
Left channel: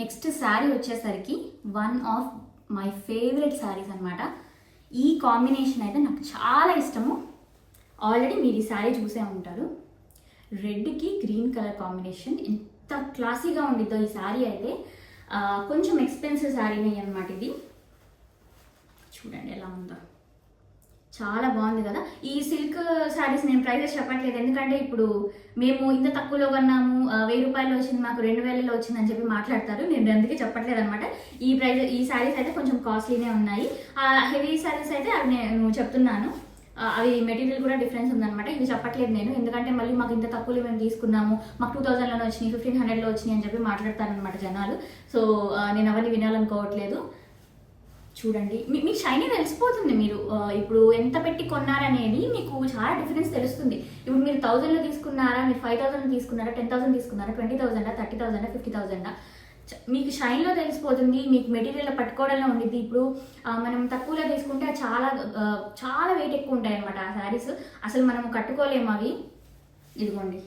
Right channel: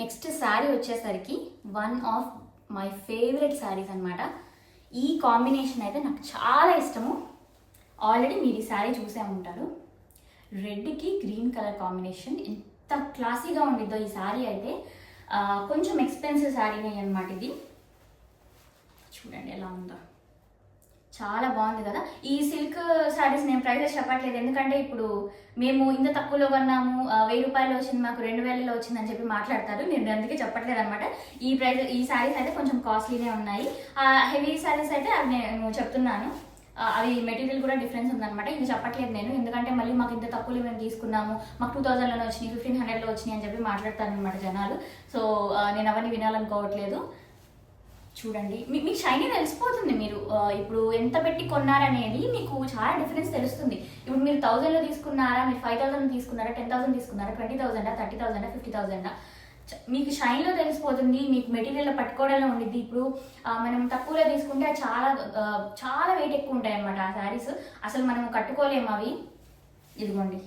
నెక్స్ట్ శారీ వచ్చేసరికి one of my favourite saris అనమాట. ఈ కాంబినేషన్ అయితే నాకు చాలా ఇష్టము. ఆల్రెడీ మీరు ఈ శారీ చూసే ఉంటారు. రెడ్కి గ్రీన్ కలర్ కాంబినేషన్ ఎంత క్లాసీగా ఉండిద్దో ఈ శారీ అయితే. కొంచెం ఎక్స్పెన్సివ్ శారీనే అనమాట ఇది. చూడండి ఎలా ఉందో, చాలా బాగుంది కదా. ఈ సిల్క్ శారీస్ నేను ప్రైజెస్ చెప్పట్లేదు, ఎందుకంటే ఇప్పుడు మేము ఇంత తక్కువలో కొన్నాము, 1000 రూపాయలు వచ్చింది, మాకు 2000లో వచ్చిందని చెప్పి మాట్లాడతారు. నేను అందుకే చెప్పట్లేదు అనమాట. ఈ శారీస్ అయితే కొంచెం కాస్ట్లీనే ఉన్నాయి. హెవీ శారీస్ అయితే అవి నేను చెప్తున్నాను, అవి మెటీరియల్ కూడా డిఫరెన్స్ ఉందన్నమాట. ఇది చెప్పట్లేదు నేను, ఎందుకంటే మళ్ళీ మాకు ఇంత తక్కువలో మేము తీసుకున్నాము, మాకు 2000లోనే వచ్చినాయి, 1500లో వచ్చినాయి అని చెప్పి మాట్లాడతాను అనమాట జనాలు. సో నేను అవన్నీ వినాలనుకోవట్లేదు. చూడండి, మీకు షైనీ తెలిసిపోతుంది. మీరు ఇప్పుడు ఎంత పెట్టి కొన్నారనేది మీకు చాలా డిఫరెన్స్ తెలుస్తుంది. ఇప్పుడు మీరు 1000లో తీసుకున్నారా, మీరు 5000లో తీసుకున్నారా, 10,000 తీసుకున్నారా, 20,000, 30,000, 50,000, మీకు షైన్లో తెలిసిపోతుంది. మీకు మెటీరియల్లో పట్టుకోవడంలో ఉండిద్ది. ఇప్పుడు మనం తక్కువలో తీసుకుంటే చాలా వెయిట్ ఎక్కువ ఉంటాయి అన్నమాట ఆ శారీస్, అసలు మనం కట్టుకోలేము అవి. ఇదిగోండి,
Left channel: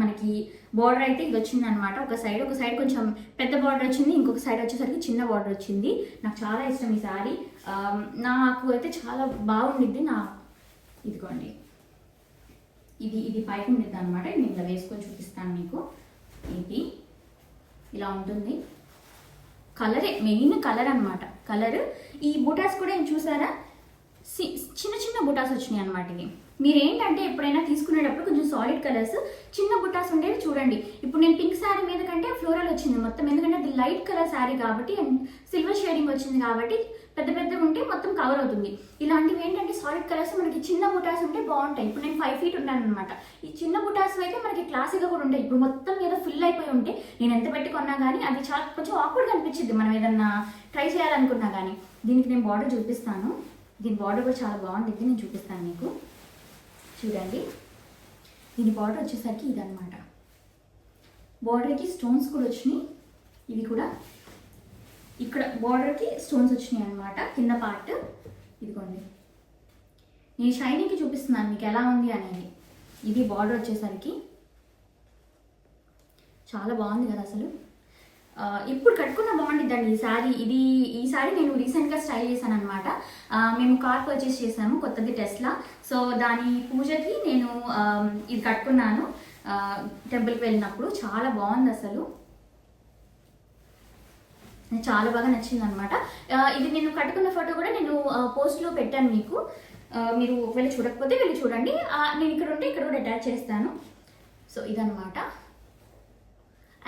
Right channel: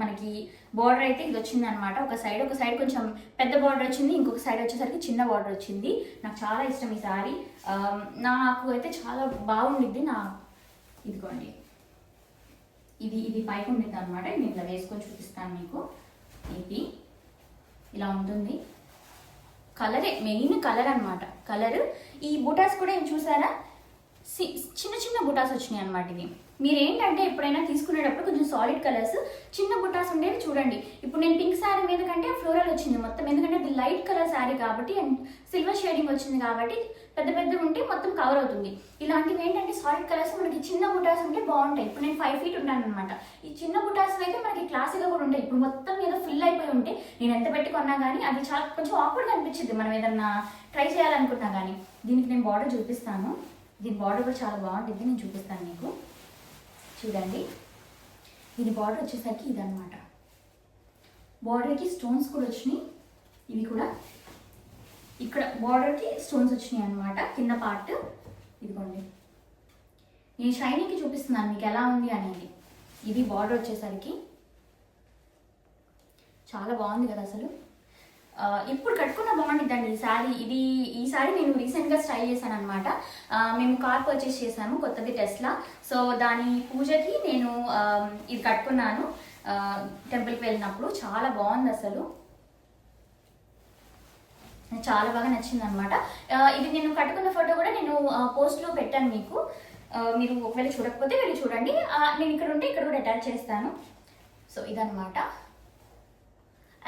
మనకి బార్డర్ అయితే ఇది వచ్చింది అనమాట. ఒక సైడ్ కొంచెం పెద్ద బార్డర్ వచ్చింది, ఇంకొక సైడ్ వచ్చేసరికి చిన్న బార్డర్ వచ్చింది. నాకు చాలా ఇష్టం ఈ శారీ, నాకు అయితే చాలా బాగుండిద్ది. ఇదిగోండి, ఇది పైకి ఉండిద్ది అనమాట. నేను ఇట్లా వేసుకొని చూపిస్తాను మీకు. ఇది ఇలా ఉంటుంది. కలరే మెయిన్ కలర్ అనమాట. కలర్ ఈ బూటాస్ కూడా ఏం చూసారా, చిన్న బుటాస్ వచ్చినాయి అనమాట. ఇవి మీరు ఏంటంటే ఎప్పుడైనా తీసుకునేటప్పుడు కొంచెం సాలిడ్ కలర్స్ చిన్న బుటాస్ ఉండేవి చూడండి. ఇప్పుడు నేను పింక్ శారీ మీద కంటే ఫ్లోరల్ వచ్చింది మొత్తం, ఎందుకంటే అది లైట్ కలర్ శారీ కాబట్టి అండ్ సిల్వర్ షేడింగ్ వచ్చింది కాబట్టి పెద్ద ఉంటే మొత్తం కవర్ అవుతుంది. ఇలాంటివి ఏంటంటే సాలిడ్ కలర్స్ మనకి చిన్న బుటాస్ ఉంటే బాగుంటాయి. ఇప్పుడు నేను 5 feet ఉంటాను అనమాట. ఈ చిన్న బుటాస్ అయితే మనకి క్లాసీగా కూడా ఉంటాయి. ఇప్పుడు మొత్తం మీద ఫుల్ అయిపోయి ఉంటే నేను ఎంత పెట్టుకున్నా కానీ అది చాలా కొంచెం ఆక్వర్డ్గా అనిపించింది మనం ఏదన్నా ట్రై చేయాలనుకున్నా కానీ. దీనికి నేను బార్డర్ చూపిస్తాను. దీని బార్డర్ కూడా చాలా బాగుంటుంది, నేను చూపిస్తాను మీకు. చూడండి, దీని బార్డర్ వచ్చేసరికి ఇదన్నమాట. బార్డర్కి స్టోన్స్ కూడా వచ్చినాయి. ఇవి కూడా ఇక్కడ బార్డర్కి స్టోన్స్ వచ్చినాయి అనమాట, కింద పార్ట్. ఇదిగోండి, నేను షైనీకి చూపిస్తున్నాను మీకు ఎలా ఉంది అనేది. ఇది బార్డర్ వచ్చేసరికి చాలా బాగుంది కదా అసలు. ఇప్పుడు కట్టుకున్న బాగుంటుందండి ఈ శారీ. ఈ శారీ నేను రీసెంట్గా స్టైల్ చేశాను అనమాట. మేము కార్ పర్చేస్ చేశాము కొత్తది టెస్లా. సో దాని పూజకి నేను ఇది కట్టుకున్నాను టెంపుల్కి వెళ్ళినప్పుడు. చాలా బాగుంది అసలు, చాలా బాగా నచ్చింది అనమాట. ఇది నేను కట్టుకున్న ఫోటో కూడా నేను పోస్ట్లో పెట్టాను మీకు. మీరు ఒకవేళ చూడకపోతే వెళ్ళి చూడండి. నేను ఇక్కడ ఉంటే ఇక్కడ కూడా అటాచ్ చేస్తాను. సో ఇదనమాట.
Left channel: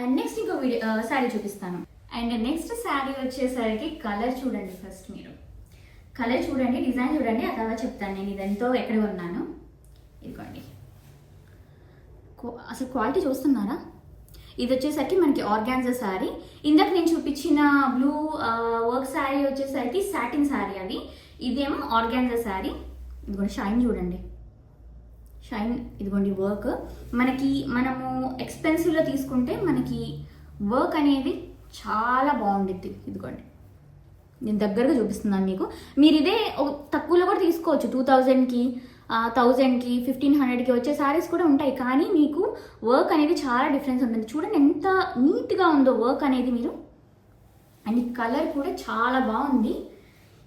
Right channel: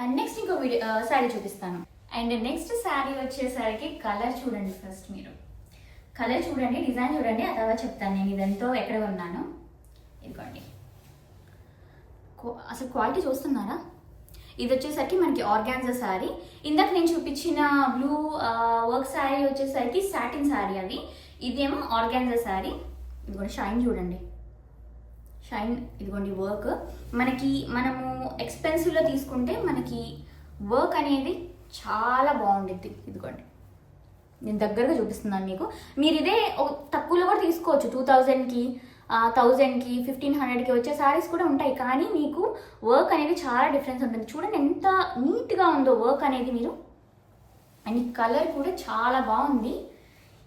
అండ్ నెక్స్ట్ ఇంకో శారీ చూపిస్తాను. అండ్ నెక్స్ట్ శారీ వచ్చేసరికి కలర్ చూడండి. ఫస్ట్ మీరు కలర్ చూడండి, డిజైన్ చూడండి, ఆ తర్వాత చెప్తాను నేను ఇదంతా ఎక్కడ కొన్నాను. ఇదిగోండి, అసలు క్వాలిటీ చూస్తున్నారా? ఇది వచ్చేసరికి మనకి ఆర్గాన్జా శారీ. ఇందాక నేను చూపించిన బ్లూ వర్క్ శారీ వచ్చేసరికి సాటిన్ శారీ అది. ఇదేమో ఆర్గాన్జా శారీ. ఇదిగోండి షైన్ చూడండి, షైన్. ఇదిగోండి వర్క్. మనము ఎక్స్పెన్సివ్లో తీసుకుంటే మనకి వర్క్ అనేది చాలా బాగుండిద్ది. ఇదిగోండి నేను దగ్గరగా చూపిస్తున్నాను మీకు. మీరు ఇదే తక్కువలో కూడా తీసుకోవచ్చు. 2000కి 1000కి 1500కి వచ్చే శారీస్ కూడా ఉంటాయి. కానీ మీకు వర్క్ అనేది చాలా డిఫరెన్స్ ఉంటుంది. చూడండి ఎంత నీట్గా ఉందో వర్క్ అనేది మీరు. అండ్ ఈ కలర్ కూడా చాలా బాగుంది.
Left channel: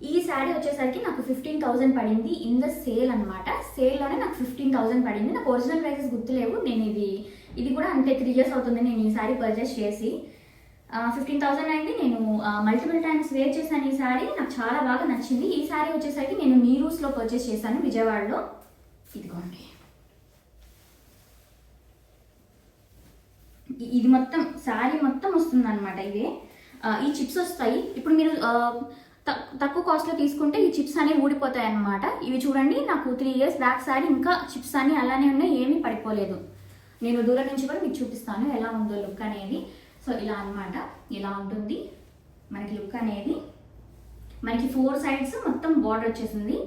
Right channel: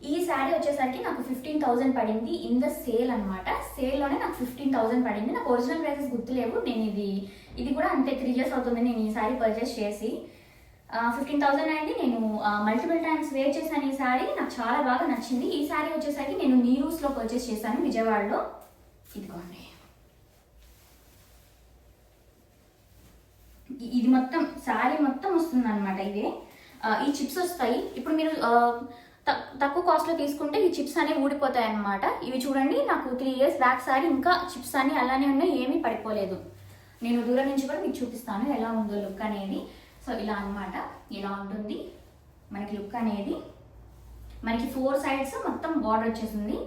ఈ శారీ వచ్చేసరికి నాకు 15,000 పడింది ఇన్ ద సేల్ అనమాట. సేల్లోనే నాకు 15,000 పడింది. నాకు ఒరిజినల్ ప్రైసెస్ గుర్తులేవు. నేను ఇది కూడా అంతే 3 years అవుతుంది నేను ఈ శారీ పర్చేస్ చేసి. 15,000 అయింది. నేను మల్టిపుల్ టైమ్స్ వేర్ చేశాను ఈ శారీ. నాకు చాలా బాగా నచ్చింది. ఈ శారీ వచ్చేసరికి నేను నీరూస్లో పర్చేస్ చేశాను విజయవాడలో. ఇదిగోండి, ఇది మొత్తం శారీ మొత్తం వస్తుంది అనమాట. ఇదే ఈ చిప్స్ వస్తాయి. ఇప్పుడు మీరు తక్కువ కాస్ట్లో తీసుకుంటే ఈ చిప్స్ అనేవి ఊడిపోతాయి అన్నమాట. ఇవి చూడండి, నాకు 3 years బ్యాక్ శారీ, ఇంకా చిప్స్ అన్ని అలానే ఉన్నాయి, ఏమీ పడిపోలేదు. నేను దూరం నుంచి కూడా మీకు చూపిస్తాను ఎలా ఉందో లుక్ అనేది. సో ఇలా అన్నమాట, ఇలా ఉంటుంది మనకి లుక్ అనేది. మనకి 4 sides మొత్తం బార్డర్ వచ్చేసింది.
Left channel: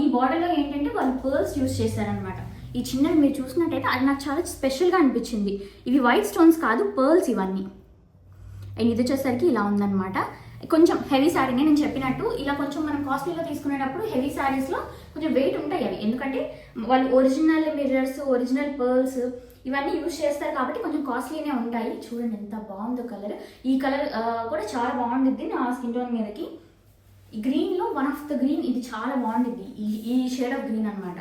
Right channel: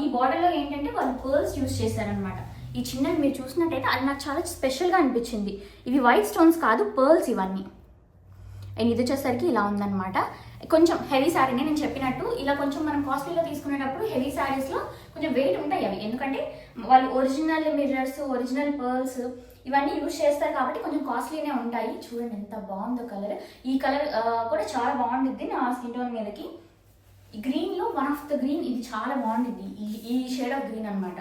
ఈ బార్డర్లో ఏంటంటే వాళ్ళు పర్ల్స్ యూజ్ చేశారనమాట. ఈ చిన్నవి మీరు చూసినట్టయితే అది నాకు చాలా స్పెషల్గా అనిపించింది. ఇవి వైట్ స్టోన్స్ కాదు, పర్ల్స్ ఇవన్నీ. అండ్ ఇది వచ్చేసరికి ఇలా ఉందన్నమాట. కొంచెం హెవీ శారీనే నేను చెప్పినట్టు. ఇలా కొంచెం మనం కాస్ట్లీలో తీసుకునేటప్పుడు హెవీ శారీస్లో కొంచెం వెయిట్ ఉంటాయి అవి. ఎందుకంటే వాళ్ళు ఒరిజినల్ మిర్రర్స్, ఒరిజినల్ పర్ల్స్ ఇవన్నీ యూజ్ చేస్తారు కాబట్టి కొంచెం కాస్ట్లీనే ఉంటాయి. చూడండి ఎంత బాగుందో కలర్. ఈ కలర్ కూడా చాలా బాగుంటుంది నా స్కిన్ టోన్ మీదకి. ఈ గ్రీన్లో వన్ ఆఫ్ ద గ్రీన్ ఇది చాలా బాగుంటుంది. ఈ షేడ్ ఆఫ్ గ్రీన్ అనమాట.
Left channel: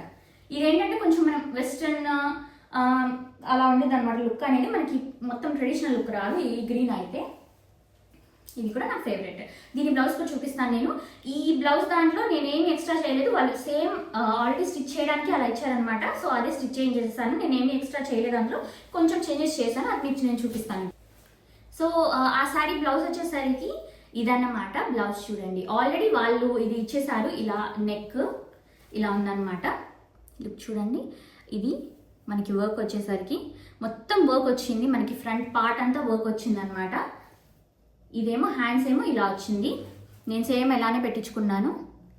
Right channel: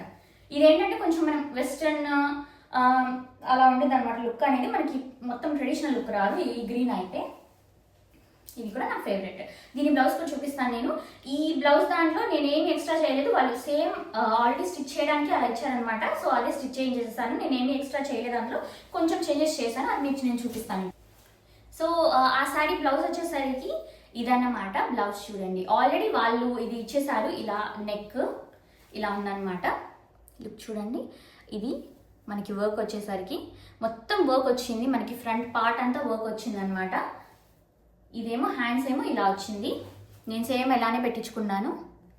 ఇదేంటంటే కొంచెం మనం వెస్ట్రన్ అలా ఉండేది అనమాట లుక్ అనేది. మనకి మొత్తం ట్రెడిషనల్ లుక్ రాదు ఈ గ్రీన్ అయితే. ఇది కూడా నా ఫేవరెట్. దీని బ్లౌజ్ కూడా చూపిస్తాను నేను. ఈ బ్లౌజ్ దాంట్లో నేను ఏమి ఎక్స్ట్రా చేయలేదు. వాళ్ళు సేమ్ ఆల్రెడీ స్టిచ్ చేయడానికి అలా ఇచ్చారనమాట. సో అదే స్టిచ్ చేంజ్ చేస్తాను. నేను ఏమి ఎక్స్ట్రా చేయలేదు, దాంట్లో కొంచెం చేంజెస్ చేశాను. అది మీకు నేను చూపిస్తాను. సో ఆ శారీ బ్లౌజ్ వచ్చేసరికి ఇదన్నమాట. బ్లౌజ్ చూడండి, ఆల్రెడీ వాళ్ళు ఇది ఇచ్చేసారు. ఇలా నెక్ ఇలా ఉందన్నమాట. లుక్ చూడండి. ఇది మనకి వర్క్ వచ్చేసరికి మొత్తం వర్క్ వచ్చింది. మనకి ఫ్రంట్ పార్ట్ అంతా వర్క్ వచ్చింది అనమాట. ఇదేమో హ్యాండ్స్ ఏమో ఇలా వచ్చింది. నేను సేమ్ ఎలానే పెట్టించుకున్నాను.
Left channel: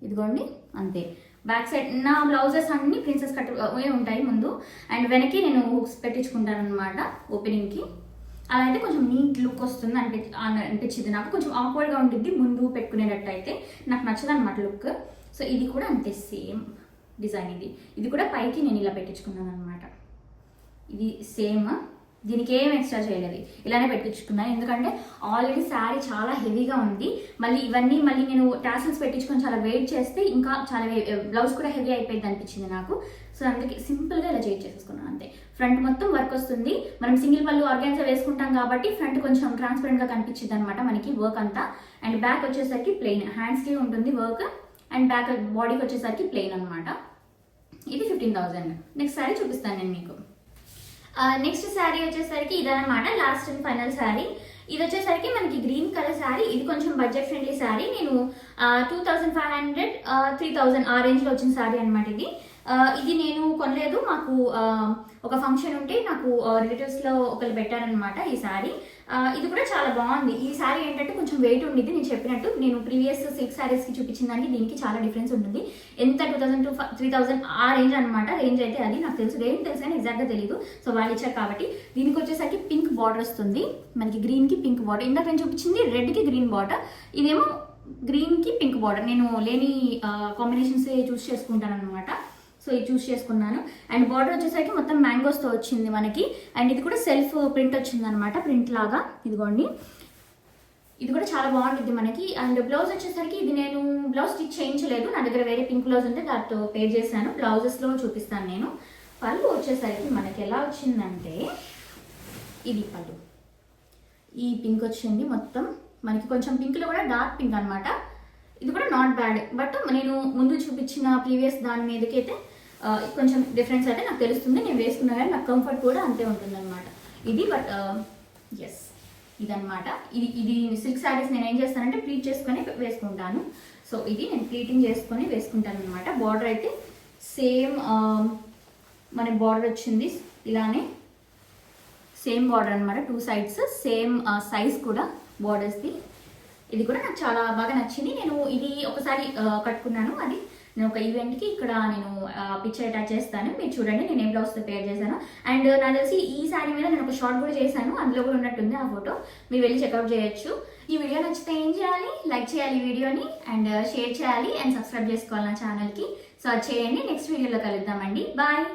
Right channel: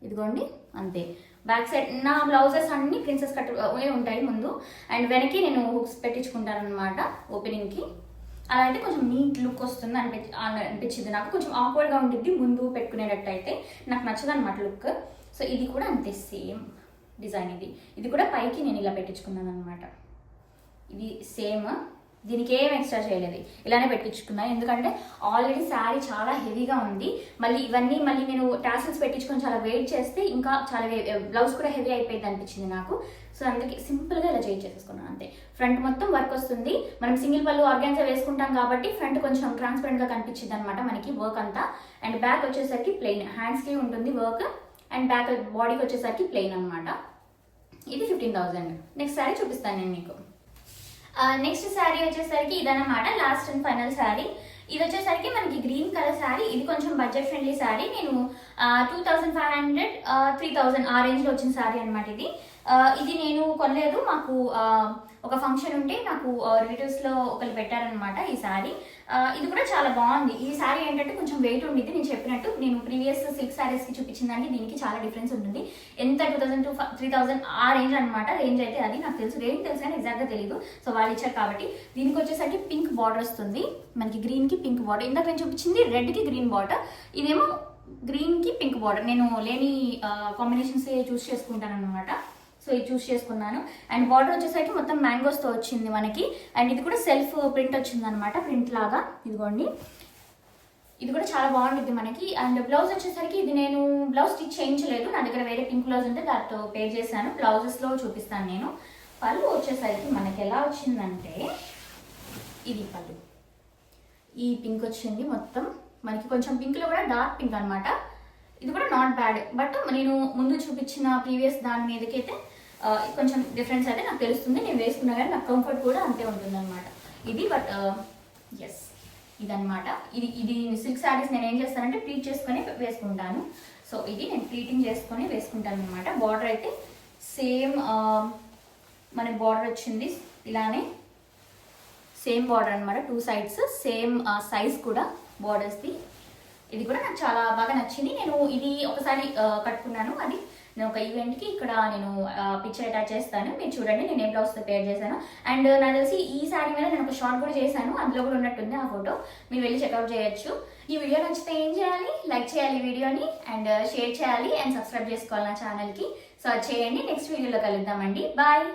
ఇదిగోండి అంతే. బ్యాక్ సైడ్ నా బ్లౌజెస్ అన్ని ప్రిన్సెస్ కట్ ఉంటాయి ముందు. అండ్ వెనక్కి నేను హుక్స్ పెట్టించుకుంటాను అనమాట ఓపెనింగ్కి. అలా అయితే కొంచెం నీట్ లుక్ వస్తుంది అనిపించింది నాకు. కొంచెం ఆక్వర్డ్గా ఉంటుంది ముందు పెట్టుకునేటట్టు అయితే. నాకు నచ్చదు అనమాట లుక్. సో ఇది కూడా అంతే సేమ్ డిజైన్. ఇది కూడా పైకి నేను ఇలా పెట్టించుకున్నాను అనమాట. ఇది సేమ్. దీనికి ఏం ఎక్స్ట్రా చేయలేదు, ఇలానే పెట్టించుకున్నాను. ఎందుకంటే ఆల్రెడీ శారీ చాలా హెవీగా ఉంది. మళ్ళీ నేను టాసిల్స్ పెట్టించుకొని చాలా వెయిట్ చేస్తే ఇంకా చాలా బ్లౌజ్ కూడా హెవీ అయిపోయింది అనిపించింది నాకు. సో అందుకే సింపుల్గా ఇలా చేసేసుకున్నాను అంతే. ఫ్రంట్ మొత్తం వర్క్ వస్తుంది. మనం సింగిల్ పళ్ళు ఆర్గాన్జా వేసుకుంటాం కాబట్టి ఫ్రంట్ కొంచెం ట్రాన్స్పరెంట్గా కనిపించింది అనమాట మనకి వర్క్ అంతా. అండ్ బ్యాక్ వచ్చేసరికి ప్లెయిన్, హ్యాండ్స్కి ఉంటుంది వర్క్. అండ్ బ్యాక్ బాడీకి వచ్చేసరికి ప్లెయిన్ అనమాట. ఇది 15,000. నెక్స్ట్ శారీ చూపిస్తాను నేను మీకు. నెక్స్ట్ శారీ వచ్చేసరికి ఇదన్నమాట, లాస్ట్ అండ్ ఫైనల్ శారీ. ఇది వచ్చేసరికి మనకి గ్రీన్ కలర్ శారీ. ఇది కొంచెం బడ్జెట్ ఫ్రెండ్లీ శారీ. నేను 2,500 3,000 ఆ రేంజ్లో వచ్చిన శారీ అనమాట ఇది. ఇది నేను కొనలేదు, మాకు ఒక ఫంక్షన్ ఉంటే నాకు రిలేటివ్స్లో ఒకరు పెట్టారనమాట ఈ శారీ. ఇది కూడా చాలా బాగుంది. ఈ శారీ ఏంటంటే కొంచెం వెయిట్ ఉండిద్ది. నేను చెప్పినట్టు నేను ప్రీవియస్ సిల్క్ శారీస్కి చూపించిన దానికి దీనికి చాలా డిఫరెన్స్ ఉంటుంది. ఎంత 2,000 to 3,000 ఆ రేంజ్ అనమాట. రేంజ్ అయితే అది నాకు తెలుసు, రేంజ్ తెలుసు కానీ ఎగ్జాక్ట్గా తెలియదు. సో వాళ్ళు ఇచ్చారు కాబట్టి. దీనికి వచ్చేసరికి పింక్ బార్డర్ వస్తుంది మనకి. గ్రీన్కి పింక్ బార్డర్. ఇందాక నేను చూపించింది రెడ్కి గ్రీన్ బార్డర్, ఇదేమో గ్రీన్కి పింక్ బార్డర్. నేను లేని కాంబినేషన్స్ చూస్ చేసుకుంటాను అనమాట. సో ఇది చూస్ చేసుకున్నాను. అండ్ బార్డర్ వచ్చేసరికి మొత్తం మ్యాంగోస్తో వచ్చింది మనకి. అండ్ ఇది కూడా సెల్ఫ్ ప్రింట్ వచ్చింది అనమాట, ప్రింట్ లాగా. ఇదిగోండి, ఇది కూడా చాలా బాగుంటుంది మనకి. అండ్ బ్లౌజ్ వచ్చేసరికి ఇది నేను బ్లౌజ్ స్టిచ్ చేయించలేదు, నా దగ్గర వేరే పింక్ బ్లౌజ్ ఉంటే దాంతో పేర్ చేశాను. బ్లౌజెస్లో చూపిస్తాను నేను. పళ్ళు వచ్చేసరికి మనకి ఎలా వచ్చిందంటే, ఇది పళ్ళు, ఈ పింక్ వచ్చింది మొత్తం మనకి. కొంచెం పింక్లో కూడా డార్క్ పింక్ అనమాట. ఇది కూడా నాట్ బ్యాడ్, బట్ నేను ముందు చూపించిన ప్రీవియస్ దాని మీదకైతే కొంచెం డిఫరెన్స్ అయితే నాకు తెలుస్తుంది. నేను వేసుకున్నా కానీ నాకు కంఫర్ట్ కూడా అంతే ఉంటుంది అనమాట ఇది. బట్ ఎస్, ఇదనమాట. ఇది సిల్క్ శారీస్ నేను ఏం చేస్తానంటే ప్లీట్ చేసుకొని వేసుకుంటాను. సో ఇది నేను ప్లీటింగ్ చేసుకొని వేసుకుంటాను అనమాట. బార్డర్ అయితే సేమ్ మనకి బార్డర్ వచ్చింది ఇలానే, సేమ్ బార్డర్ అనమాట, 2 sides సేమ్ సైజ్ కూడా బార్డర్స్ది. ఇది కూడా నాకు చాలా బాగా నచ్చింది. నేను ఇది ఒకసారి కట్టుకున్నాను, అది నేను ఒక ఈవెంట్కి. ఇక్కడ నేను పిక్చర్ అటాచ్ చేస్తాను, మీరు చూడండి నేను ఏ బ్లౌజ్తో పేర్ చేశాను. అండ్ నాకు తెలిసి ఈ శారీ మీద నేను ఒక షార్ట్ కూడా చేశాను, అందులో కూడా ఉన్నట్టుంది ఆ ఫోటో, మీరు వెళ్ళి చెక్అవుట్ చేయొచ్చు. ఈ వీడియో నచ్చితే ఏం చేయాలి, లైక్ చేయాలి ఈ వీడియోని, అండ్ షేర్ చేయాలి, అండ్ సబ్స్క్రైబ్ చేసుకోవాలి నా ఛానల్కి. సో చేయండి. నెక్స్ట్ వీడియోలో కలుద్దామండి. బాయ్.